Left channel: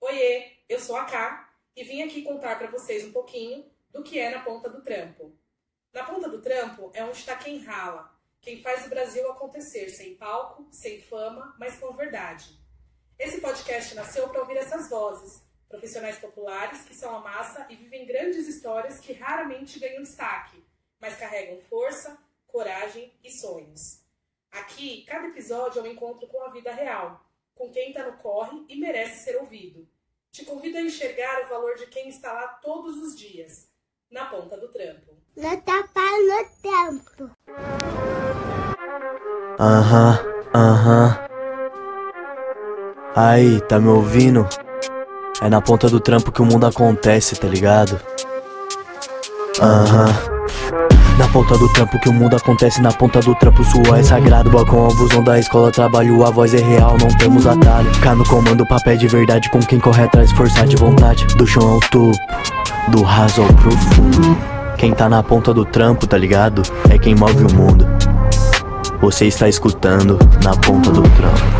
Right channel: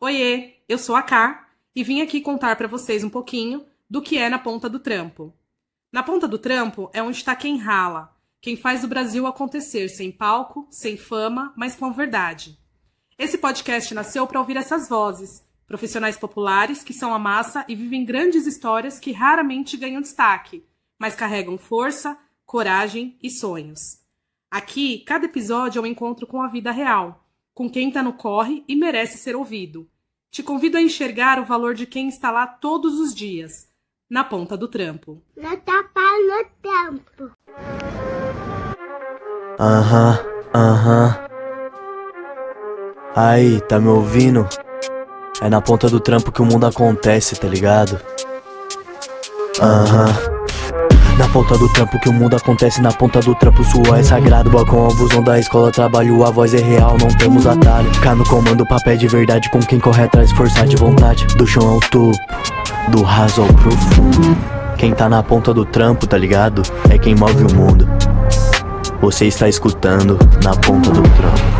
Oiê, eu sou a Ká e vim aqui contar para vocês um pouquinho do que é Na Ponta do Trampo. Na Ponta do Trampo é onde está quem rala, quem faz o Brasil acontecer sem palco, sem fama, mas com verdade. Esse podcast nasceu para ouvir essas vozes, profissionais populares que são a massa e vivem grandes histórias que raramente ganham destaque, mas carregam força, coragem e sonhos. Aqui, cada episódio é um encontro com a vida real, com quem está no corre e merece ser ouvido. Te convido a enxergar o valor de quem está lá todos os dias, na ponta do trampo. No trampo. Aí, tá me ouvindo? É na ponta do trampo que o mundo acontece, tá ligado? Na ponta do trampo que o mundo acontece, na ponta do trampo suor é sagrado. Balcão ao busão da escola, trabalho, a voz é real, não temos atalho. Cá no comando, papel de verdade, com quem corre atrás, força de vontade. Do chão ao topo, do raso ao profundo. Quem tá na ponta do trampo, tá ligado? É quem move o mundo. Você está escutando Na Ponta do Trampo.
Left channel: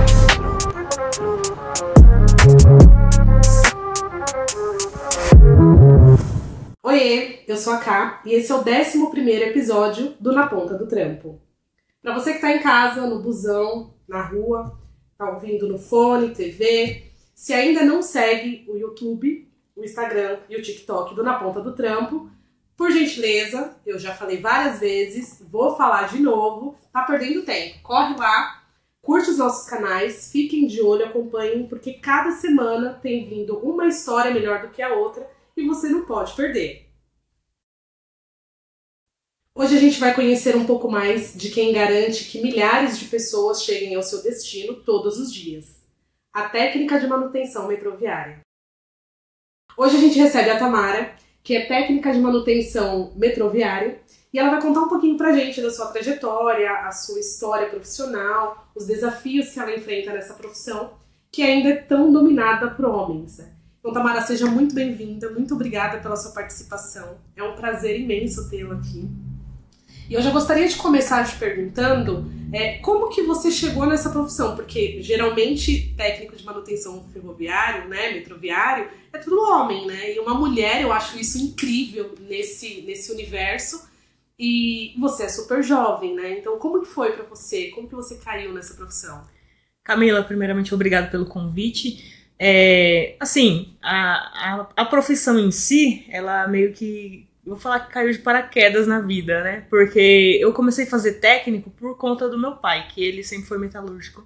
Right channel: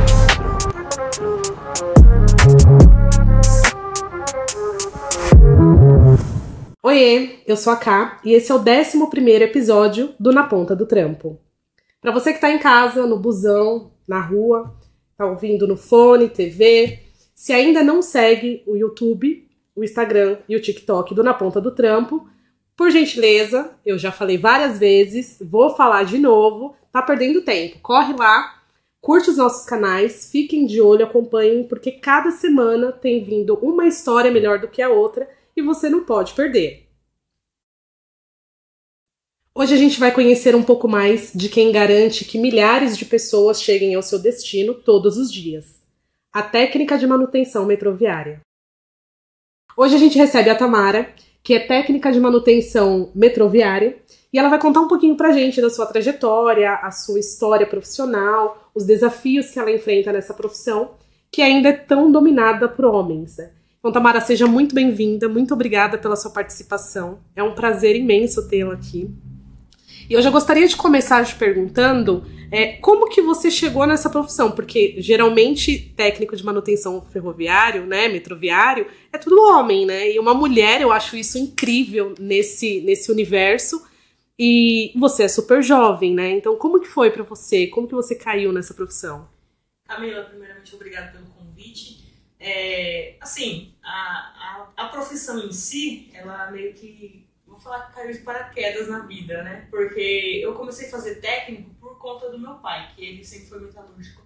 Oiê, eu sou a Ká e esse é o 11º episódio do Na Ponta do Trampo. Para você que tá em casa, no busão, na rua, tá ouvindo no fone, TV, se ainda não segue o YouTube, o Instagram e o TikTok do Na Ponta do Trampo, por gentileza, eu já falei várias vezes, vou falar de novo, tá perdendo tempo. Corre lá, curte os nossos canais, fiquem de olho, acompanhem, porque cada semana tem vindo uma história melhor do que a outra e você não pode perder. Hoje a gente vai conhecer um pouco mais de quem garante que milhares de pessoas cheguem ao seu destino todos os dias. A técnica de manutenção metroviária. Hoje a gente recebe a Tamara, que é técnica de manutenção metroviária, e ela vai contar um pouquinho pra gente da sua trajetória, a sua história profissional, os desafios que ela enfrenta nessa profissão, que ainda é tão dominada por homens, né? Então, Tamara, seja muito bem-vinda, muito obrigada pela sua participação. É um prazer imenso tê-la aqui. E eu já gostaria de começar te perguntando como que você chegou nessa profissão, porque geralmente técnico de manutenção ferroviário, né, metroviário, é tudo homem, né? E uma mulher, eu acho isso incrível nesse universo. E você é super jovem, né? Então, como que foi pra você? Como que você caiu nessa profissão? Camila, primeiramente, obrigado pelo convite. A profissão em si, ela meio que, vou falar que caiu de paraquedas na vida, né? Porque eu comecei a fazer técnico por conta do meu pai, que ele sempre foi metalúrgico.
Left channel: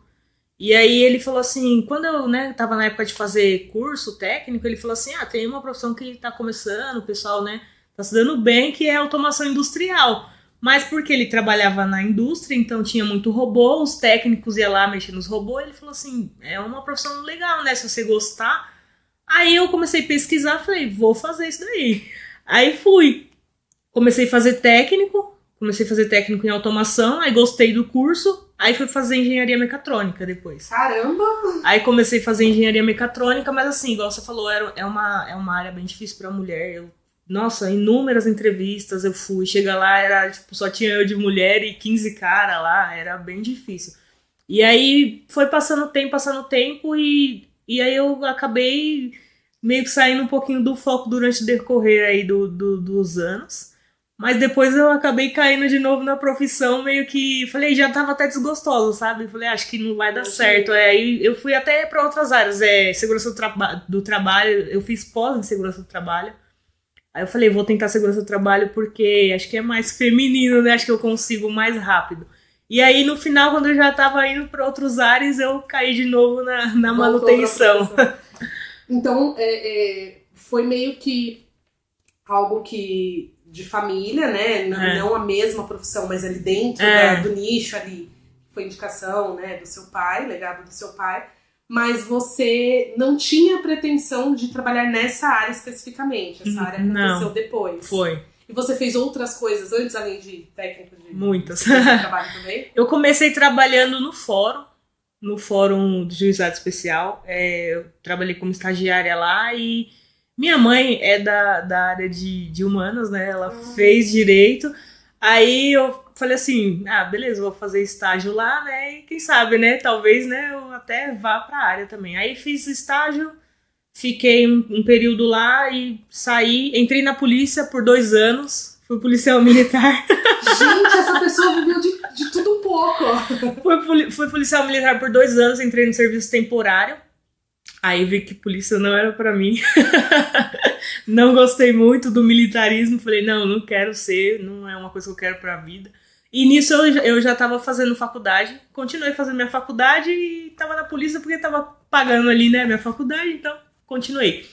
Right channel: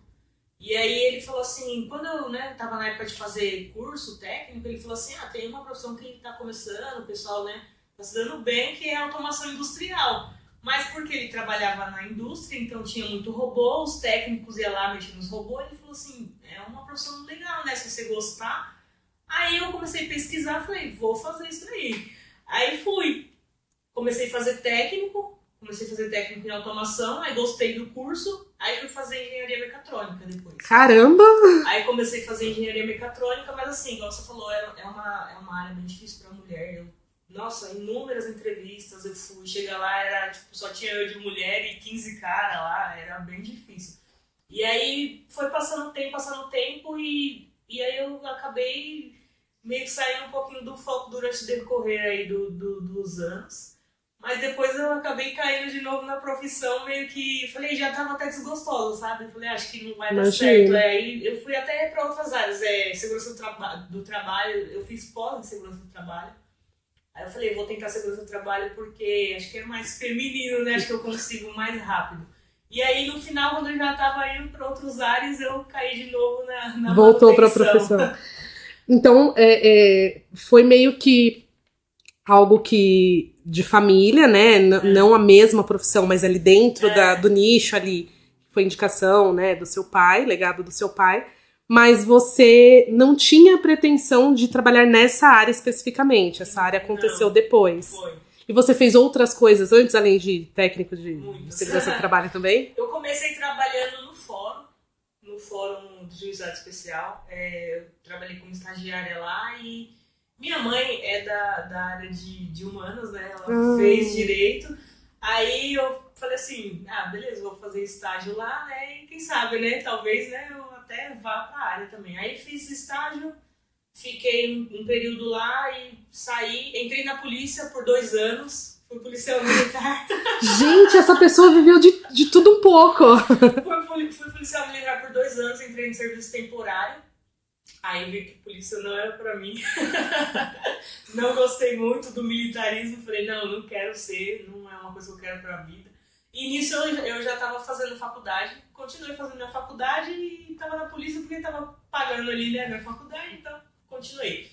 E aí ele falou assim, quando eu, tava na época de fazer curso técnico, ele falou assim, tem uma profissão que tá começando, o pessoal, tá se dando bem, que é automação industrial. Mas porque ele trabalhava na indústria, então tinha muito robô, os técnicos iam lá mexer nos robôs, ele falou assim, é uma profissão legal, né, se você gostar. Aí eu comecei a pesquisar, falei, vou fazer isso daí. Aí fui, comecei a fazer técnico em automação, aí gostei do curso, aí fui fazer engenharia mecatrônica depois. Caramba! Aí comecei a fazer engenharia mecatrônica, mas assim, igual você falou, é uma área bem difícil pra mulher. Nossa, inúmeras entrevistas eu fui, chega lá, era tipo, só tinha eu de mulher e 15 caras lá, era bem difícil. E aí foi passando o tempo e aí eu acabei meio que saindo um pouquinho do foco durante o decorrer aí dos anos. Mas depois eu acabei caindo de novo na profissão, meio que, falei, já tava até desgostoso, sabe? Falei, acho que não vai dar certo. Aí eu fui até para outras áreas, segurança do trabalho, eu fiz pós em segurança do trabalho. Aí eu falei, vou tentar segurança do trabalho porque acho que é mais feminino, né? Acho que eu consigo mais rápido. E aí, no final, quando eu já tava indo para outros ares, eu caí de novo na Voltou manutenção. Pra profissão. Então, foi meio que algo que de família, né? Não a mesma profissão, mas ali dentro do nicho ali. Foi indicação, né, do seu pai, legado do seu pai. Mas você não tinha pretensão de trabalhar nessa área especificamente. Essa área aconteceu depois. Foi. E você fez outras coisas antes, além de técnico de segurança do trabalho também? Eu comecei trabalhando no fórum do Juizado Especial. Eu trabalhei como estagiária lá e minha mãe é da área de humanas, né? Ela fez direito. Aí eu falei assim, beleza, vou fazer estágio lá, né? E quem sabe, né? Talvez, né, eu até vá pra área também. Aí fiz estágio, Fiquei um período lá e saí, entrei na polícia por 2 anos, fui policial militar. Gente, essa pessoa viveu de tudo um pouco. Fui policial militar por 2 anos, entrei no serviço temporário. Aí vi que polícia não era pra mim. Não gostei muito do militarismo, falei, não quero ser, não é uma coisa que eu quero pra vida. E nisso eu já tava fazendo faculdade, continuei fazendo minha faculdade e tava na polícia porque tava pagando ali, né, minha faculdade, então continuei.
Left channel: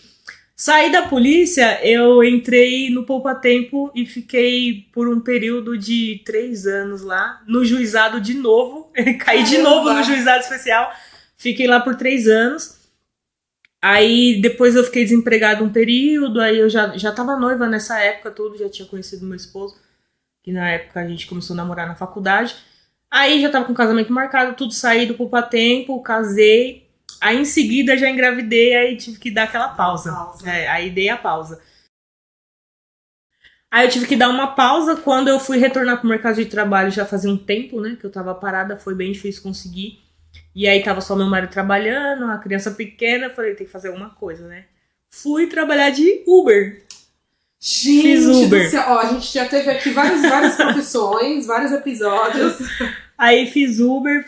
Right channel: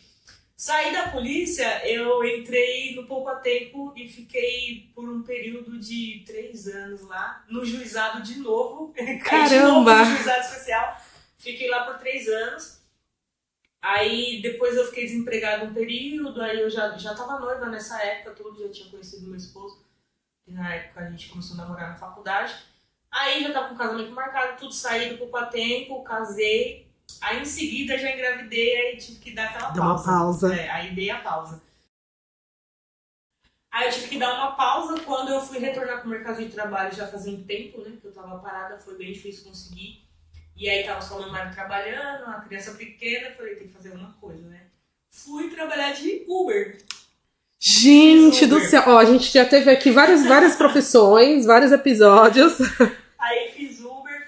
Saí da polícia, eu entrei no Poupa Tempo e fiquei por um período de 3 anos lá, no juizado de novo. Caí de novo no juizado especial, fiquei lá por 3 anos. Aí depois eu fiquei desempregado um período, aí eu já tava noiva nessa época, tudo, já tinha conhecido meu esposo, que na época a gente começou a namorar na faculdade. Aí já tava com o casamento marcado, tudo, saí do Poupa Tempo, casei. Aí em seguida já engravidei, aí tive que dar aquela pausa. Aí dei a pausa. Aí eu tive que dar uma pausa quando eu fui retornar pro mercado de trabalho, já fazia um tempo, né, que eu tava parada, foi bem difícil conseguir. E aí tava só meu marido trabalhando, a criança pequena, eu falei, tem que fazer alguma coisa, né. Fui trabalhar de Uber. Gente do céu, ó, a gente já teve aqui várias profissões, vários episódios. Aí fiz Uber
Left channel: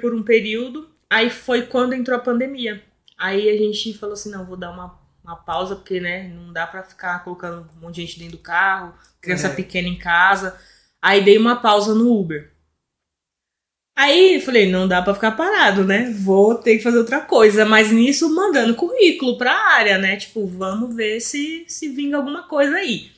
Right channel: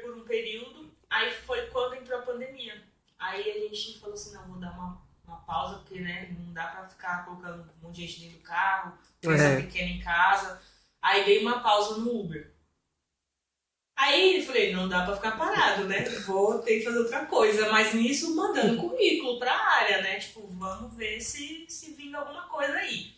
por um período. Aí foi quando entrou a pandemia. Aí a gente falou assim, não, vou dar uma pausa, porque, né, não dá pra ficar colocando um monte de gente dentro do carro, criança pequena em casa. Aí dei uma pausa no Uber. Aí falei, não dá pra ficar parado, né, vou ter que fazer outra coisa. Mas nisso, mandando currículo pra área, né, tipo, vamos ver se vinga alguma coisa aí.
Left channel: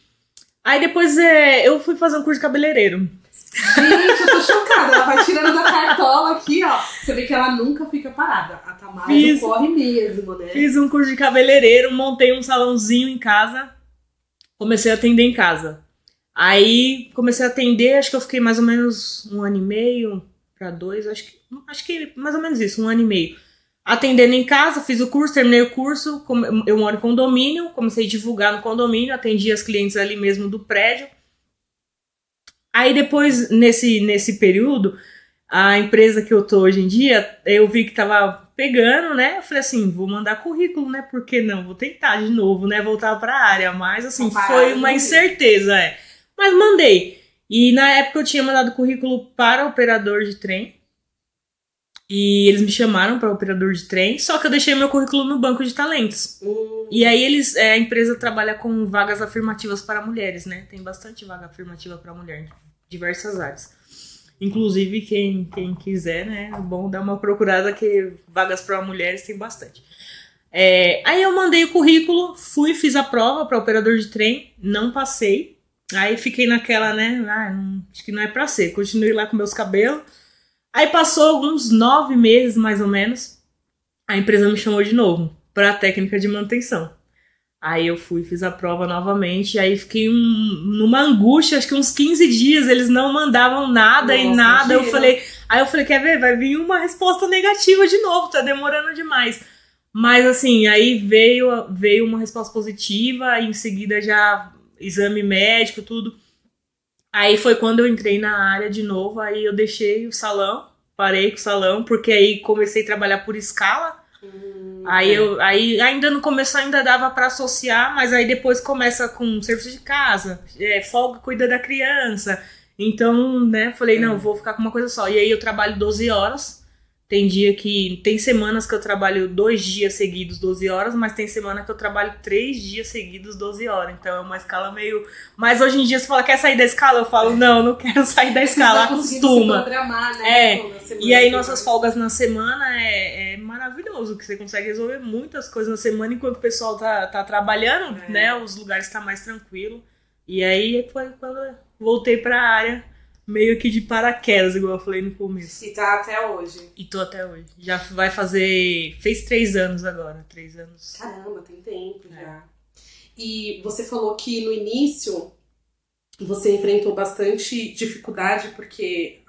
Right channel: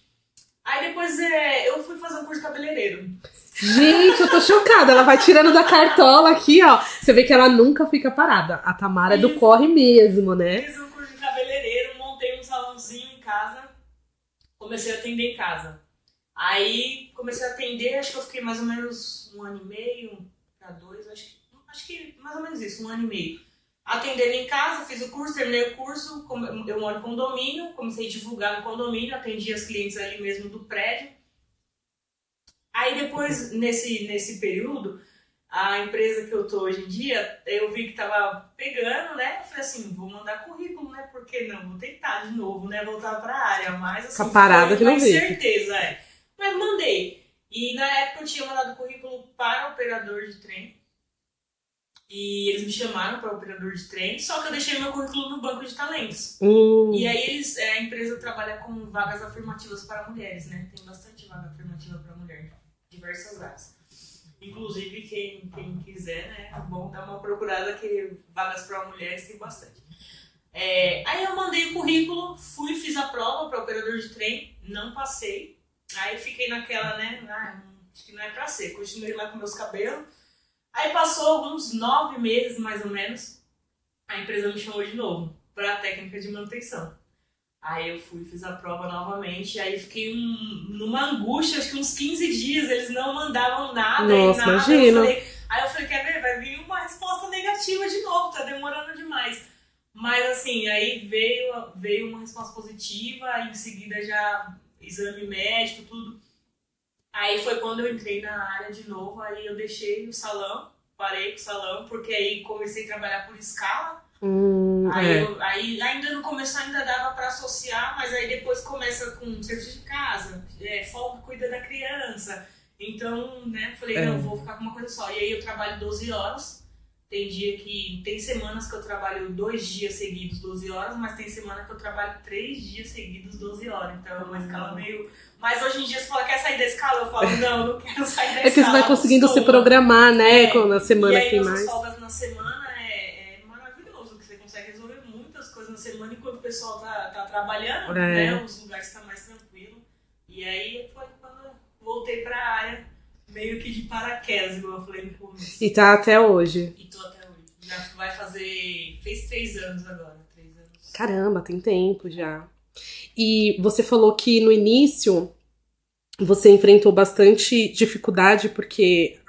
Aí depois eu fui fazer um curso de cabeleireiro. Gente, eu tô chocada. Ela vai tirando da cartola aqui, ó. Você vê que ela nunca fica parada. A Tamara é do corre mesmo, né? Fiz um curso de cabeleireiro, montei um salãozinho em casa. Comecei a atender em casa. Aí comecei a atender, acho que eu fiquei mais ou menos 1 ano e meio pra 2, acho que mais ou menos isso, 1 ano e meio. Atendendo em casa, fiz o curso, terminei o curso. Eu moro em condomínio, comecei a divulgar no condomínio, atendi as clientes ali mesmo do prédio. Aí depois, nesse período, a empresa que eu tô hoje em dia, eu vi que tava pegando, né? Eu falei assim, vou mandar currículo, né? Por que não? Vou tentar de novo, né? Voltar pra área. Mas assim, foi uma incerteza, Mas mandei. E na época eu tinha mandado currículo para operador de trem. E eles me chamaram para operador de trem, só que eu deixei meu currículo no banco de talentos. E aí a empresa trabalha com vagas afirmativas para mulheres, né? Tem bastante vaga afirmativa para mulher, diversas áreas. Inclusive, quem quiser, né? É bom dar uma procurada, que vagas para mulheres tem bastante. Aí eu mandei o currículo, fiz a prova para operador de trem, não passei. Aí fiquei naquela, né? Acho que não é para ser. Continuei lá com meus cabelos. Aí passou alguns 9 meses, mais ou menos, a empresa me chamou de novo para a técnica de manutenção. Aí eu fiz a prova novamente, aí fiquei numa angústia, acho que uns 15 dias, eles não mandavam nada. Nossa, e nada. Aí eu falei, quer ver? Vai vir uma resposta negativa de novo, tá demorando demais. Mas assim, aí veio uma resposta positiva, aí em seguida já exame médico, tudo. Aí foi quando eu entrei na área de novo, aí eu deixei o salão, parei com o salão, porque aí comecei a trabalhar por escala. Aí ainda no começo ainda dava para associar, mas aí depois começa com serviço de casa, folga, cuida da criança. Então, né, falei, não, vou ficar com uma coisa só. E aí eu trabalho 12 horas. Tem semanas que eu trabalho 2 dias seguidos 12 horas, mas tem semana que eu trabalho 3 dias seguidos 12 horas. Então é uma escala meio... Mas hoje em dia, se fala, quer sair da escala? Eu falo, não quero sair da escala. Que você vai conseguindo se programar, né? Na semana. E aí nossas folgas na semana é maravilhoso, que você consegue resolver muitas coisas na semana enquanto o pessoal tá trabalhando, né? Os lugares estão mais tranquilos. E aí foi quando eu voltei pra área, meio que de paraquedas, igual eu falei no começo. E tá até hoje. E tô até hoje. Já vai fez 3 anos agora, 3 anos. Caramba, tem tempo já. E você falou que no início você enfrentou bastante dificuldade, porque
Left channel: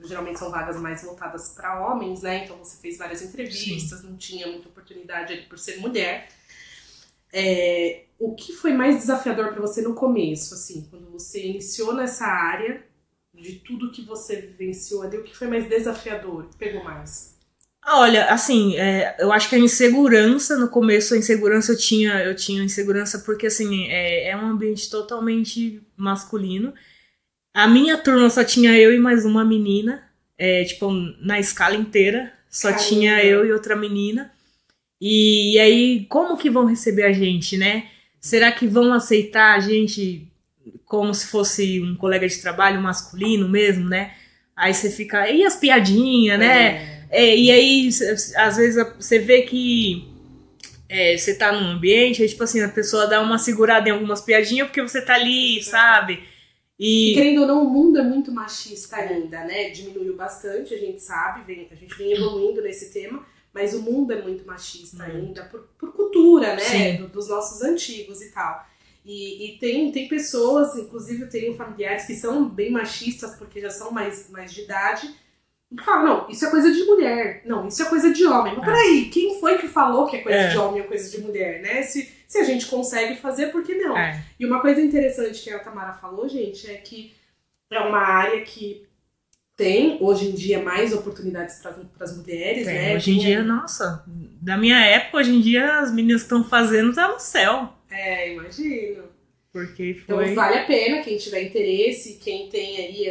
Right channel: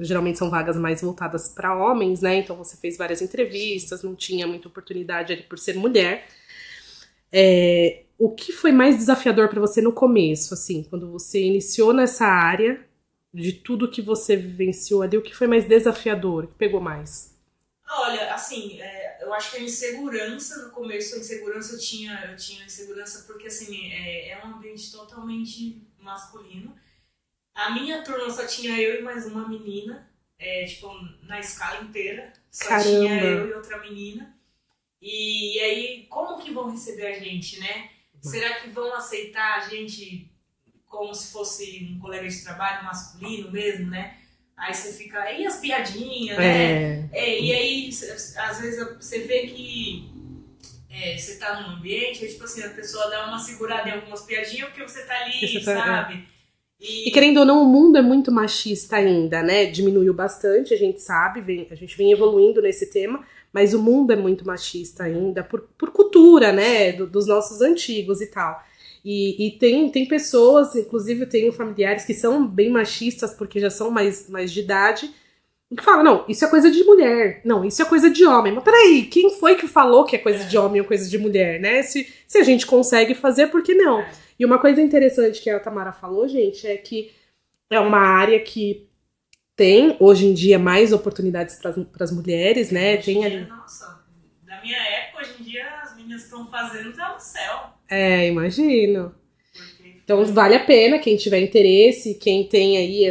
geralmente são vagas mais voltadas para homens, né? Então você fez várias entrevistas, não tinha muita oportunidade ali por ser mulher. O que foi mais desafiador para você no começo, assim, quando você iniciou nessa área, de tudo que você vivenciou ali, o que foi mais desafiador, o que pegou mais? Olha, assim, eu acho que a insegurança, no começo a insegurança eu tinha insegurança porque, assim, é um ambiente totalmente masculino. A minha turma só tinha eu e mais uma menina, tipo, na escala inteira, só Caramba. tinha eu e outra menina. E aí, como que vão receber a gente, né? Será que vão aceitar a gente como se fosse um colega de trabalho masculino mesmo, né? Aí você fica, e as piadinhas, né? E aí, às vezes, você vê que você tá num ambiente, aí, tipo assim, a pessoa dá uma segurada em algumas piadinhas porque você tá ali, sabe? E querendo ou não, o mundo é muito machista ainda, né? Diminuiu bastante, a gente sabe, a gente vem evoluindo nesse tema, mas o mundo é muito machista ainda, por cultura, né? Dos nossos antigos e tal. E tem pessoas, inclusive eu tenho familiares que são bem machistas, porque já são mais de idade, que falam, não, isso é coisa de mulher, não, isso é coisa de homem. Mas peraí, quem foi que falou que é coisa de homem ou coisa de mulher, né? Se a gente consegue fazer, por que não? E uma coisa interessante que a Tamara falou, gente, é que é uma área que tem, hoje em dia, mais oportunidades para as mulheres, né? Hoje em dia, nossa, da minha época, hoje em dia, as meninas estão fazendo, tá no céu. Imagino. Porque então vale a pena, quem tiver interesse, quem tem aí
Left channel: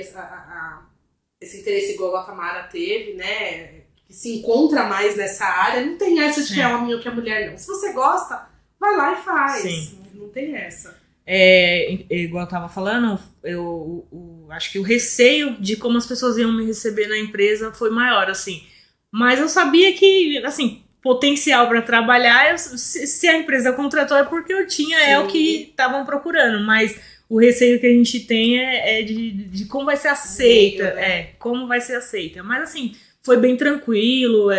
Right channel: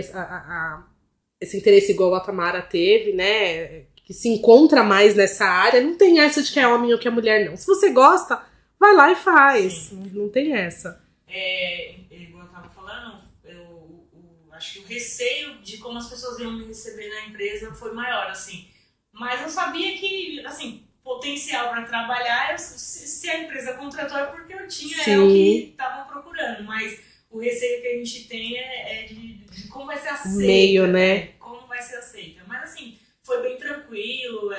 esse interesse igual a Tamara teve, né? Que se encontra mais nessa área, não tem essa de que é homem ou que é mulher, não. Se você gosta, vai lá e faz. Sim. Não tem essa. Igual eu tava falando, eu acho que o receio de como as pessoas iam me receber na empresa foi maior, assim. Mas eu sabia que, assim, potencial para trabalhar, se a empresa contratou é porque eu tinha, o que estavam procurando, mas o receio que a gente tem é de como vai ser aceita, meio, né? Como vai ser aceita. Mas assim, foi bem tranquilo,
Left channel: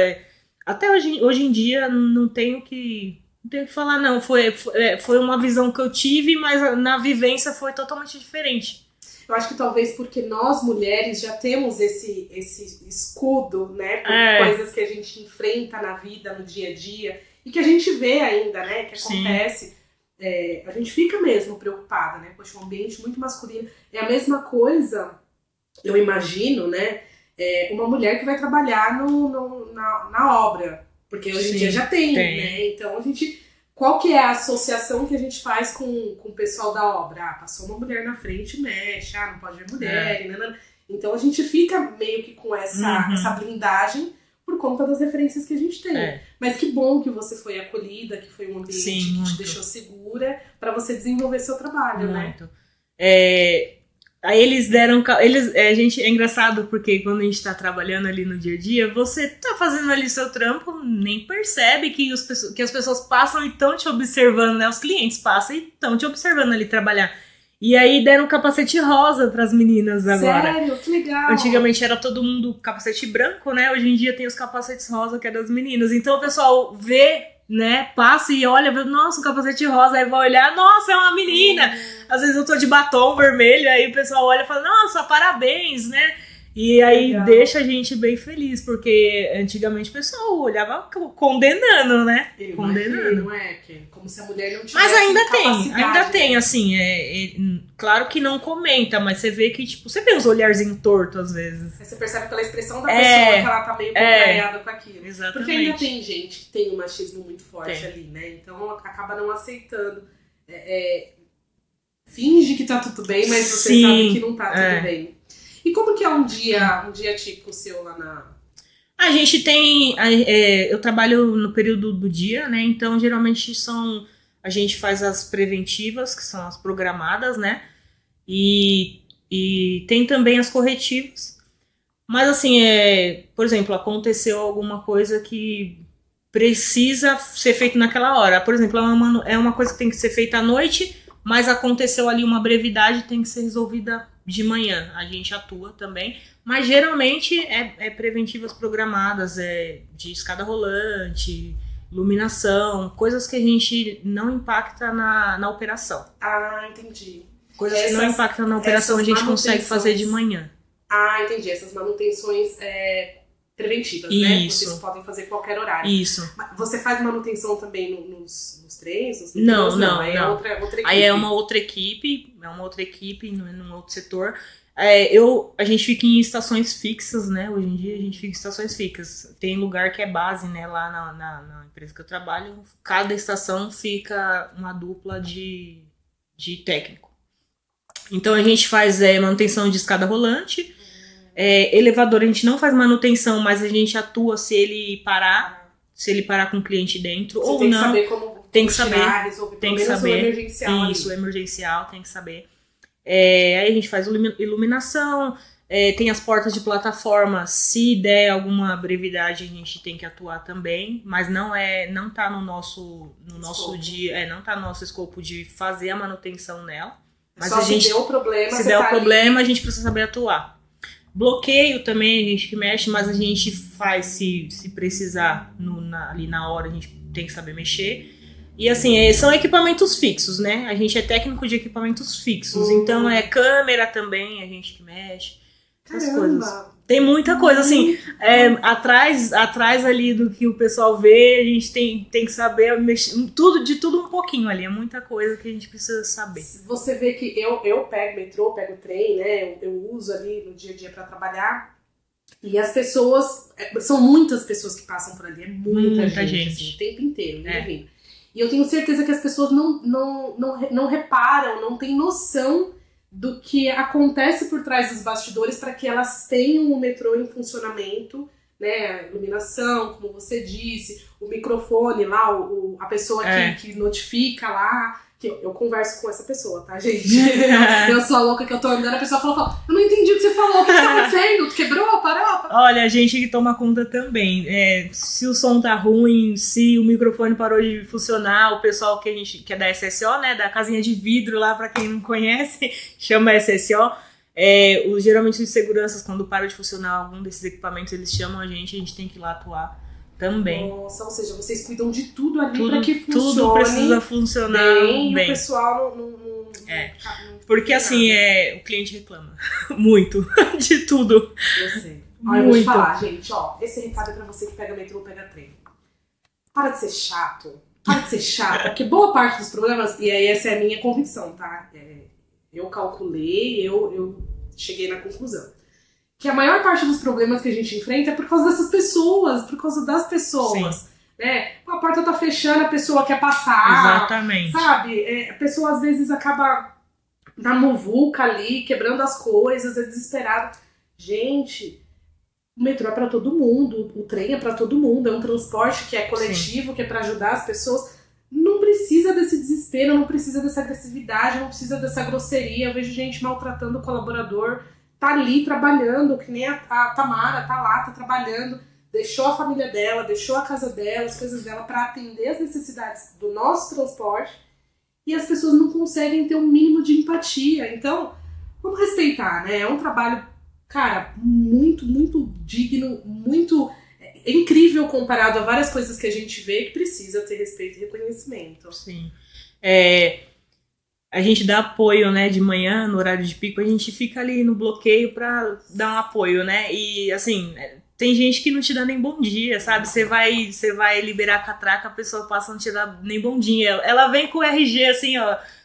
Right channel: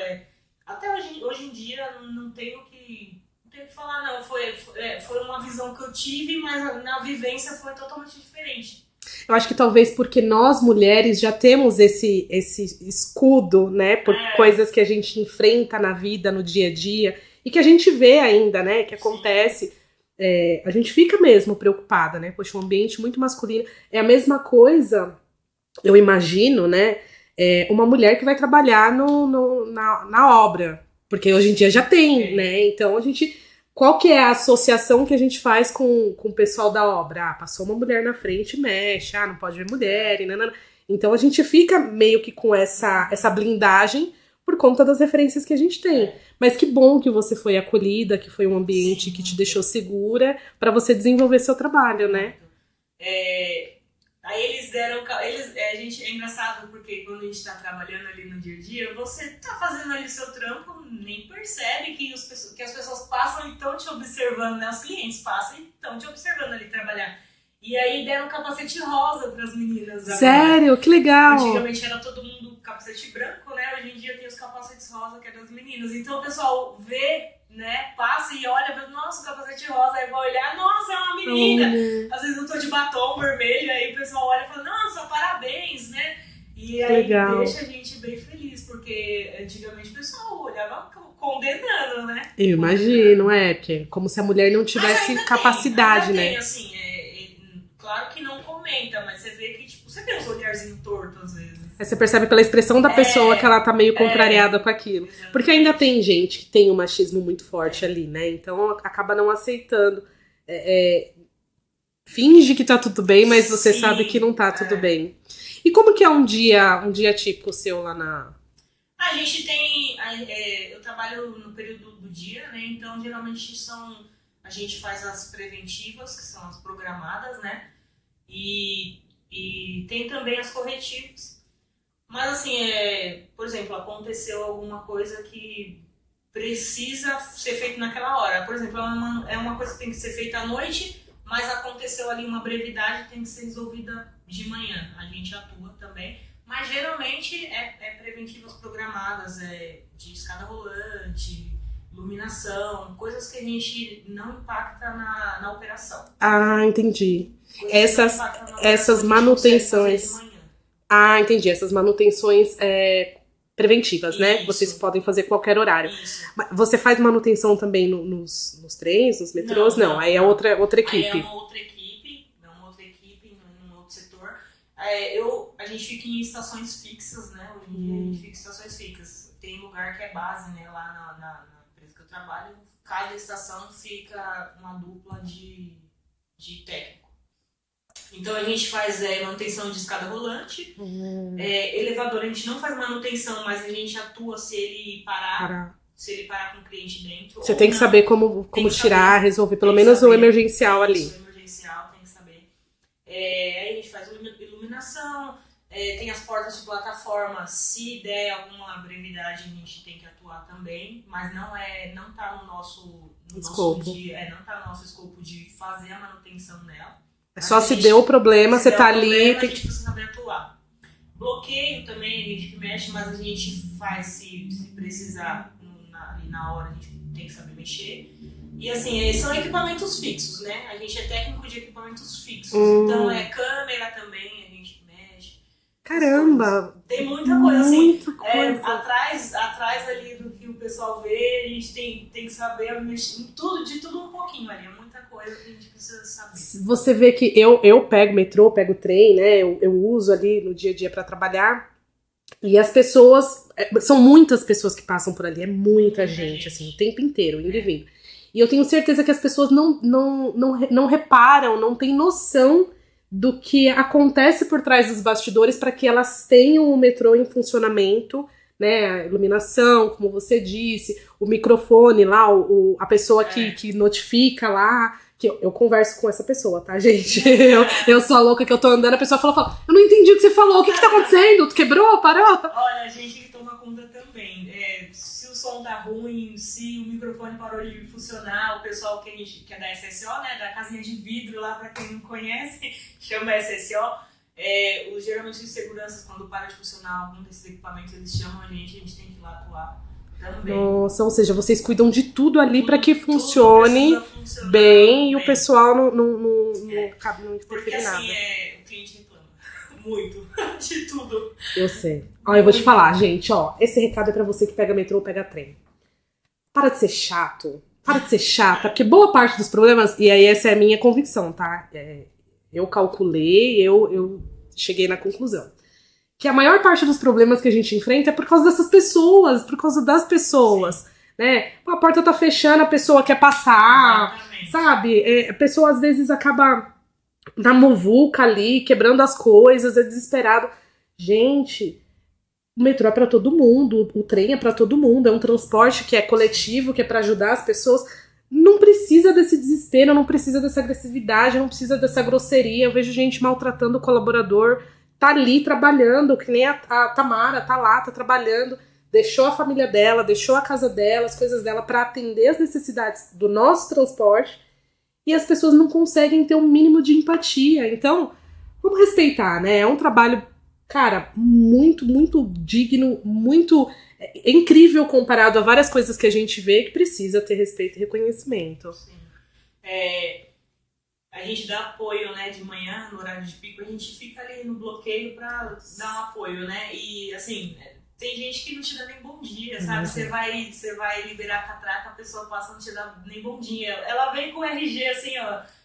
até hoje em dia não tenho que falar, não, foi uma visão que eu tive, mas na vivência foi totalmente diferente. Eu acho que talvez porque nós, mulheres, já temos esse escudo, né? Por coisas que a gente enfrenta na vida, no dia a dia. E que a gente vê ainda, né? Que acontece. A gente fica mesmo preocupada, né? Poxa, um ambiente muito masculino. É a mesma coisa, eu imagino, né? Uma mulher que vai trabalhar na obra. Porque hoje em dia já tem, né? Então a gente... Qual que é a associação que a gente faz com o pessoal da obra? Passou uma mulher na frente, mexe, não pode ver mulher, Então a gente fica meio que com essa blindagem por conta das referências que a gente tem. Mas que bom que você foi acolhida, que foi um ambiente que te deixou segura pra você desenvolver seu trabalho, né? Aí eles deram... é engraçado porque quando a gente tá trabalhando ali no dia a dia, você tá fazendo ali seu trampo, nem percebe que as pessoas passam e estão te observando, né? Os clientes passam e estão te observando ali trabalhar. E aí deram um capacete rosa pras meninas agora. Sério? Que legal! Antigamente era todo mundo capacete branco, né? Hoje em dia tem os capacetes rosa, que é das meninas. Então o pessoal vê, né? Passa e olha, vê, nossa, um capacete rosa. Aí vai olhar, nossa, é uma menina! Às vezes eu tô de batom vermelho, aí o pessoal olha e fala, nossa, parabéns, né? E aí deixa a gente bem feliz, porque antigamente o pessoal olhava condenando, né? Eu imagino, porque como se a mulher não tivesse capacidade. Ainda tem, assim, claro que não comenta, mas você vê que, tipo, você vê os olharzinhos tortos às vezes. Aí você percebe pela expressão da pessoa que ela tá meio contrariada com aquilo. Exatamente. Porque ainda tem gente que tem um machismo muito forte ali, né? Então acaba não aceitando. Finge que tá tudo bem, mas você sabe que não tá tudo bem. E como que é um dia tipo seu lá na... A gente tem... eu trabalho no período do dia, né? Então, geralmente a gente faz as preventivas, que são as programadas, né? E tem também as corretivas. Mas, assim, por exemplo, aconteceu alguma coisa que precisa ser feito naquela hora. Por exemplo, é uma coisa que tem que ser feita à noite, mas aconteceu ali uma brevidade, tem que ser resolvida de manhã. A gente atua também, mas geralmente é preventivas programadas, de escada rolante, iluminação, coisas que a gente não impacta na operação. Ah, entendi. Coisas que não impactam na operação, a gente consegue fazer de manhã. Ah, entendi. Essas manutenções preventivas, né? Isso. Vocês podem fazer qualquer horário. Isso. Você faz manutenção também nos trens, nos metrôs? Não. Aí é outra equipe. Aí é uma outra equipe num outro setor. A gente fica em estações fixas, né? Hoje em dia a gente fica em estações fixas. Tem lugar que é base, né? Lá na empresa que eu trabalho, cada estação fica uma dupla de técnico. Então a gente faz manutenção de escada rolante. Elevador a gente não faz manutenção, mas a gente atua se ele parar. Se ele parar com o cliente dentro. Você tem que saber como tirar, resolver, pelo menos o emergencial ali. Isso, o emergencial, tem que saber. Aí a gente faz iluminação, tem as portas de plataforma, se der alguma brevidade a gente tem que atuar também, mas não tá no nosso dia, não tá no nosso escopo de fazer a manutenção nela. Só se deu o problema, você tá ali. A gente precisa saber atuar. Bloqueio também, a gente que mexe, mas a gente faz se precisar ali na hora, a gente tem que saber mexer. E assim, são equipamentos fixos, né? A gente é técnico de equipamentos fixos. Então câmera também, a gente que mexe. Caramba! Tem muita coisa, assim. Atrás ali do que o pessoal vê, a gente tem que saber mexer, de tudo um pouquinho ali. É muita coisa que a gente precisa saber. Você vê que eu pego metrô, pego trem, né? Eu uso ali no dia a dia pra trabalhar. E as pessoas... São muitas pessoas que passam por ali. É muita gente, assim, o tempo inteiro, indo e vindo. E eu tenho certeza que as pessoas não reparam, não têm noção do que acontece por trás dos bastidores para que elas tenham o metrô em funcionamento, né? A iluminação, como você disse, o microfone lá, a pessoa que notifica lá. Que eu converso com essa pessoa, tá, gente? Eu sou a louca que eu tô andando, a pessoa fala, eu não entendi o que você falou, o que tá acontecendo? Tu quebrou? Parou? Olha, a gente que toma conta também. Se o som tá ruim, se o microfone parou de funcionar, o pessoal que é da SSO, né, da casinha de vidro lá, pra quem não conhece, chama SSO. Geralmente os seguranças, quando para de funcionar algum desses equipamentos, eles chamam a gente tem que ir lá atuar. Também. Nossa, ou seja, vocês cuidam de tudo ali para que funcione bem e o pessoal não porque assim, o cliente reclama muito de tudo. Eu sei. Eu vou te falar, gente, esse recado é pra você que pega metrô ou pega trem. Para de ser chato. Para de ser chata, porque boa parte dos problemas, e aí essa é a minha convicção, tá? Eu calculei, eu cheguei na conclusão. Que a maior parte dos problemas que a gente enfrenta é por causa dessas pessoas, por causa das pessoas, né? A porta tá fechando, a pessoa quer passar, exatamente. Sabe? A pessoa às vezes acaba na muvuca ali, quebrando as coisas, é desesperado. Gente, o metrô é pra todo mundo, o trem é pra todo mundo, é um transporte que é coletivo, que é pra ajudar as pessoas. Não precisa desse desespero, não precisa dessa agressividade, não precisa dessa grosseria. Eu vejo gente maltratando o colaborador, tá ali trabalhando, que nem a Tamara, tá lá, tá trabalhando, deixou a família dela, deixou a casa dela, as coisas dela pra atender as necessidades do nosso transporte, e as pessoas não conseguem ter um mínimo de empatia. Então, vamos respeitar, né? É um trabalho, cara, muito, muito digno, muito incrível comparado a várias coisas que a gente vê que precisa ter respeito e reconhecimento. Sim. A gente dá apoio, né, de manhã, no horário de pico, a gente fica ali no bloqueio pra dar um apoio, né? E, assim, tem gente que não te dá nem bom dia, sabe? Você vai liberar a catraca, a pessoa passa a não te dar nem bom dia. Ela vem com o RG, assim,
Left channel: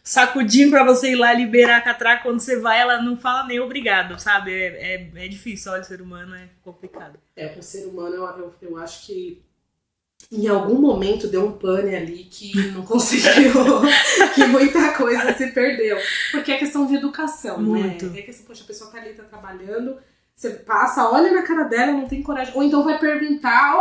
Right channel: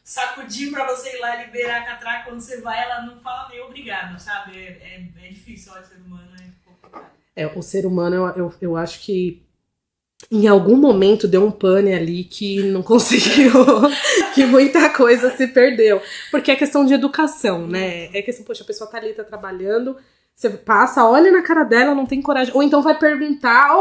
sacudindo pra você ir lá liberar a catraca. Quando você vai, ela não fala nem obrigado, sabe? É difícil, olha, o ser humano é complicado. O ser humano, eu acho que em algum momento deu um pane ali que não conseguiu, que muita coisa se perdeu. Porque é questão de educação, né? É questão, poxa, a pessoa tá ali, tá trabalhando, você passa, olha na cara dela, não tem coragem. Ou então vai perguntar,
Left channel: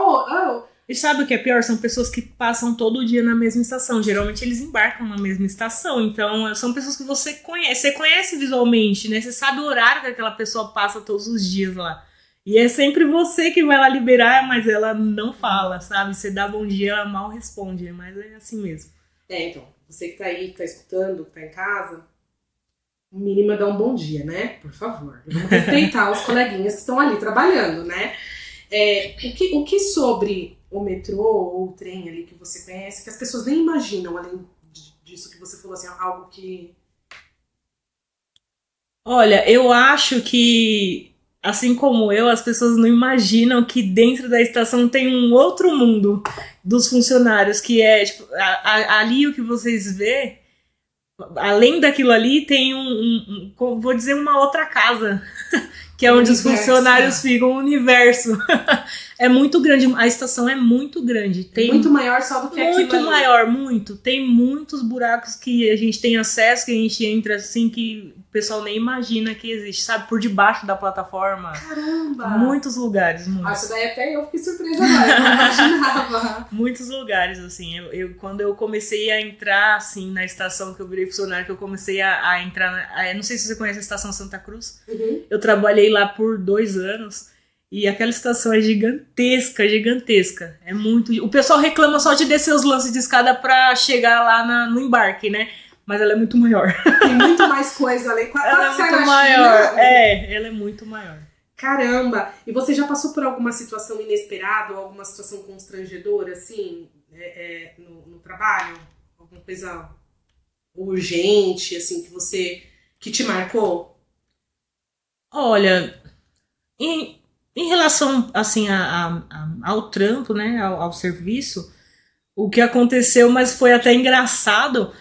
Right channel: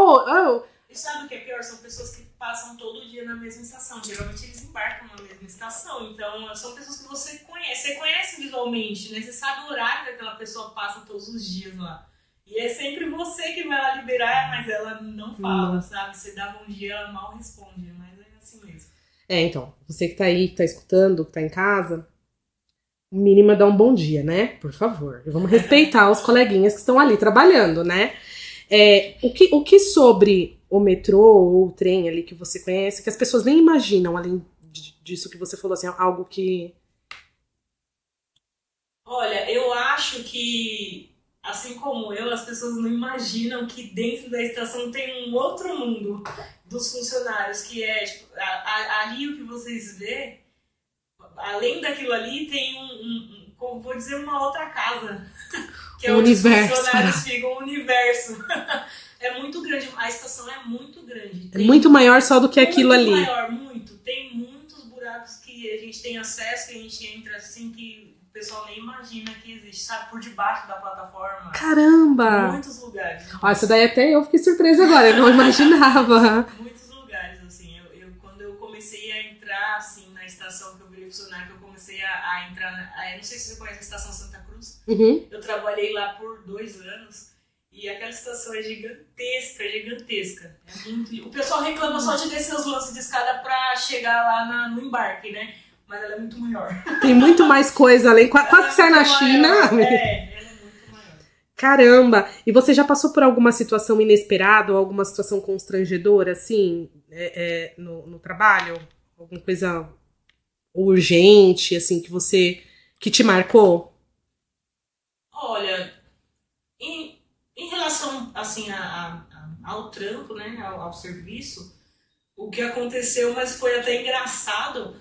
E sabe o que é pior? São pessoas que passam todo dia na mesma estação. Geralmente eles embarcam na mesma estação. Então, são pessoas que você conhece visualmente, né? Você sabe o horário que aquela pessoa passa todos os dias lá. E é sempre você que vai lá liberar, mas ela não fala, sabe? Você dá bom dia, ela mal responde, mas é assim mesmo. Então, você que tá aí, que tá escutando, que tá em casa, o mínimo é dar um bom dia, né? Por favor. Vamos respeitar os coleguinhas que estão ali trabalhando, né? O que sobre o metrô ou o trem ali que você conhece, que as pessoas nem imaginam, além disso que você falou, assim, algo que... Olha, eu acho que... Assim como eu, as pessoas não imaginam que dentro da estação tem um outro mundo dos funcionários, que é, tipo, ali o que vocês vê além daquilo ali, tem vou dizer, uma outra casa, que é Um onde os universo. funcionários ficam, um universo. É muito grande, a estação é muito grande. É muito maior só do que aquilo ali. Muito maior, muito. Tem muitos buracos que a gente tem acesso, que a gente entra assim, que o pessoal nem imagina que existe, sabe? Por debaixo da plataforma. Caramba! Muitos lugares. Muitos. Ó, isso daí até eu fiquei surpresa agora, eu não imaginava. Muitos lugares, assim. Quando eu comecei a entrar, assim, na estação que eu virei funcionário, que eu comecei a entrar... não sei se você conhece a Estação Santa Cruz. Uhum. Eu trabalhei lá por 2 anos. E aquela estação é gigantesca, gigantesca. É muito... O pessoal reclama só de descer os lances de escada pra chegar lá no embarque, né? Mas ela é muito maior. Tem muito mais coisa além. Quase que sai na China. Ela é muito maior. Caramba! E você já passou por alguma situação inesperada ou alguma situação constrangedora, assim, no trabalho? Alguma coisa urgente, assim, que te marcou? Olha, em relação, assim, ao trampo, né, ao serviço, o que aconteceu, mas foi até engraçado,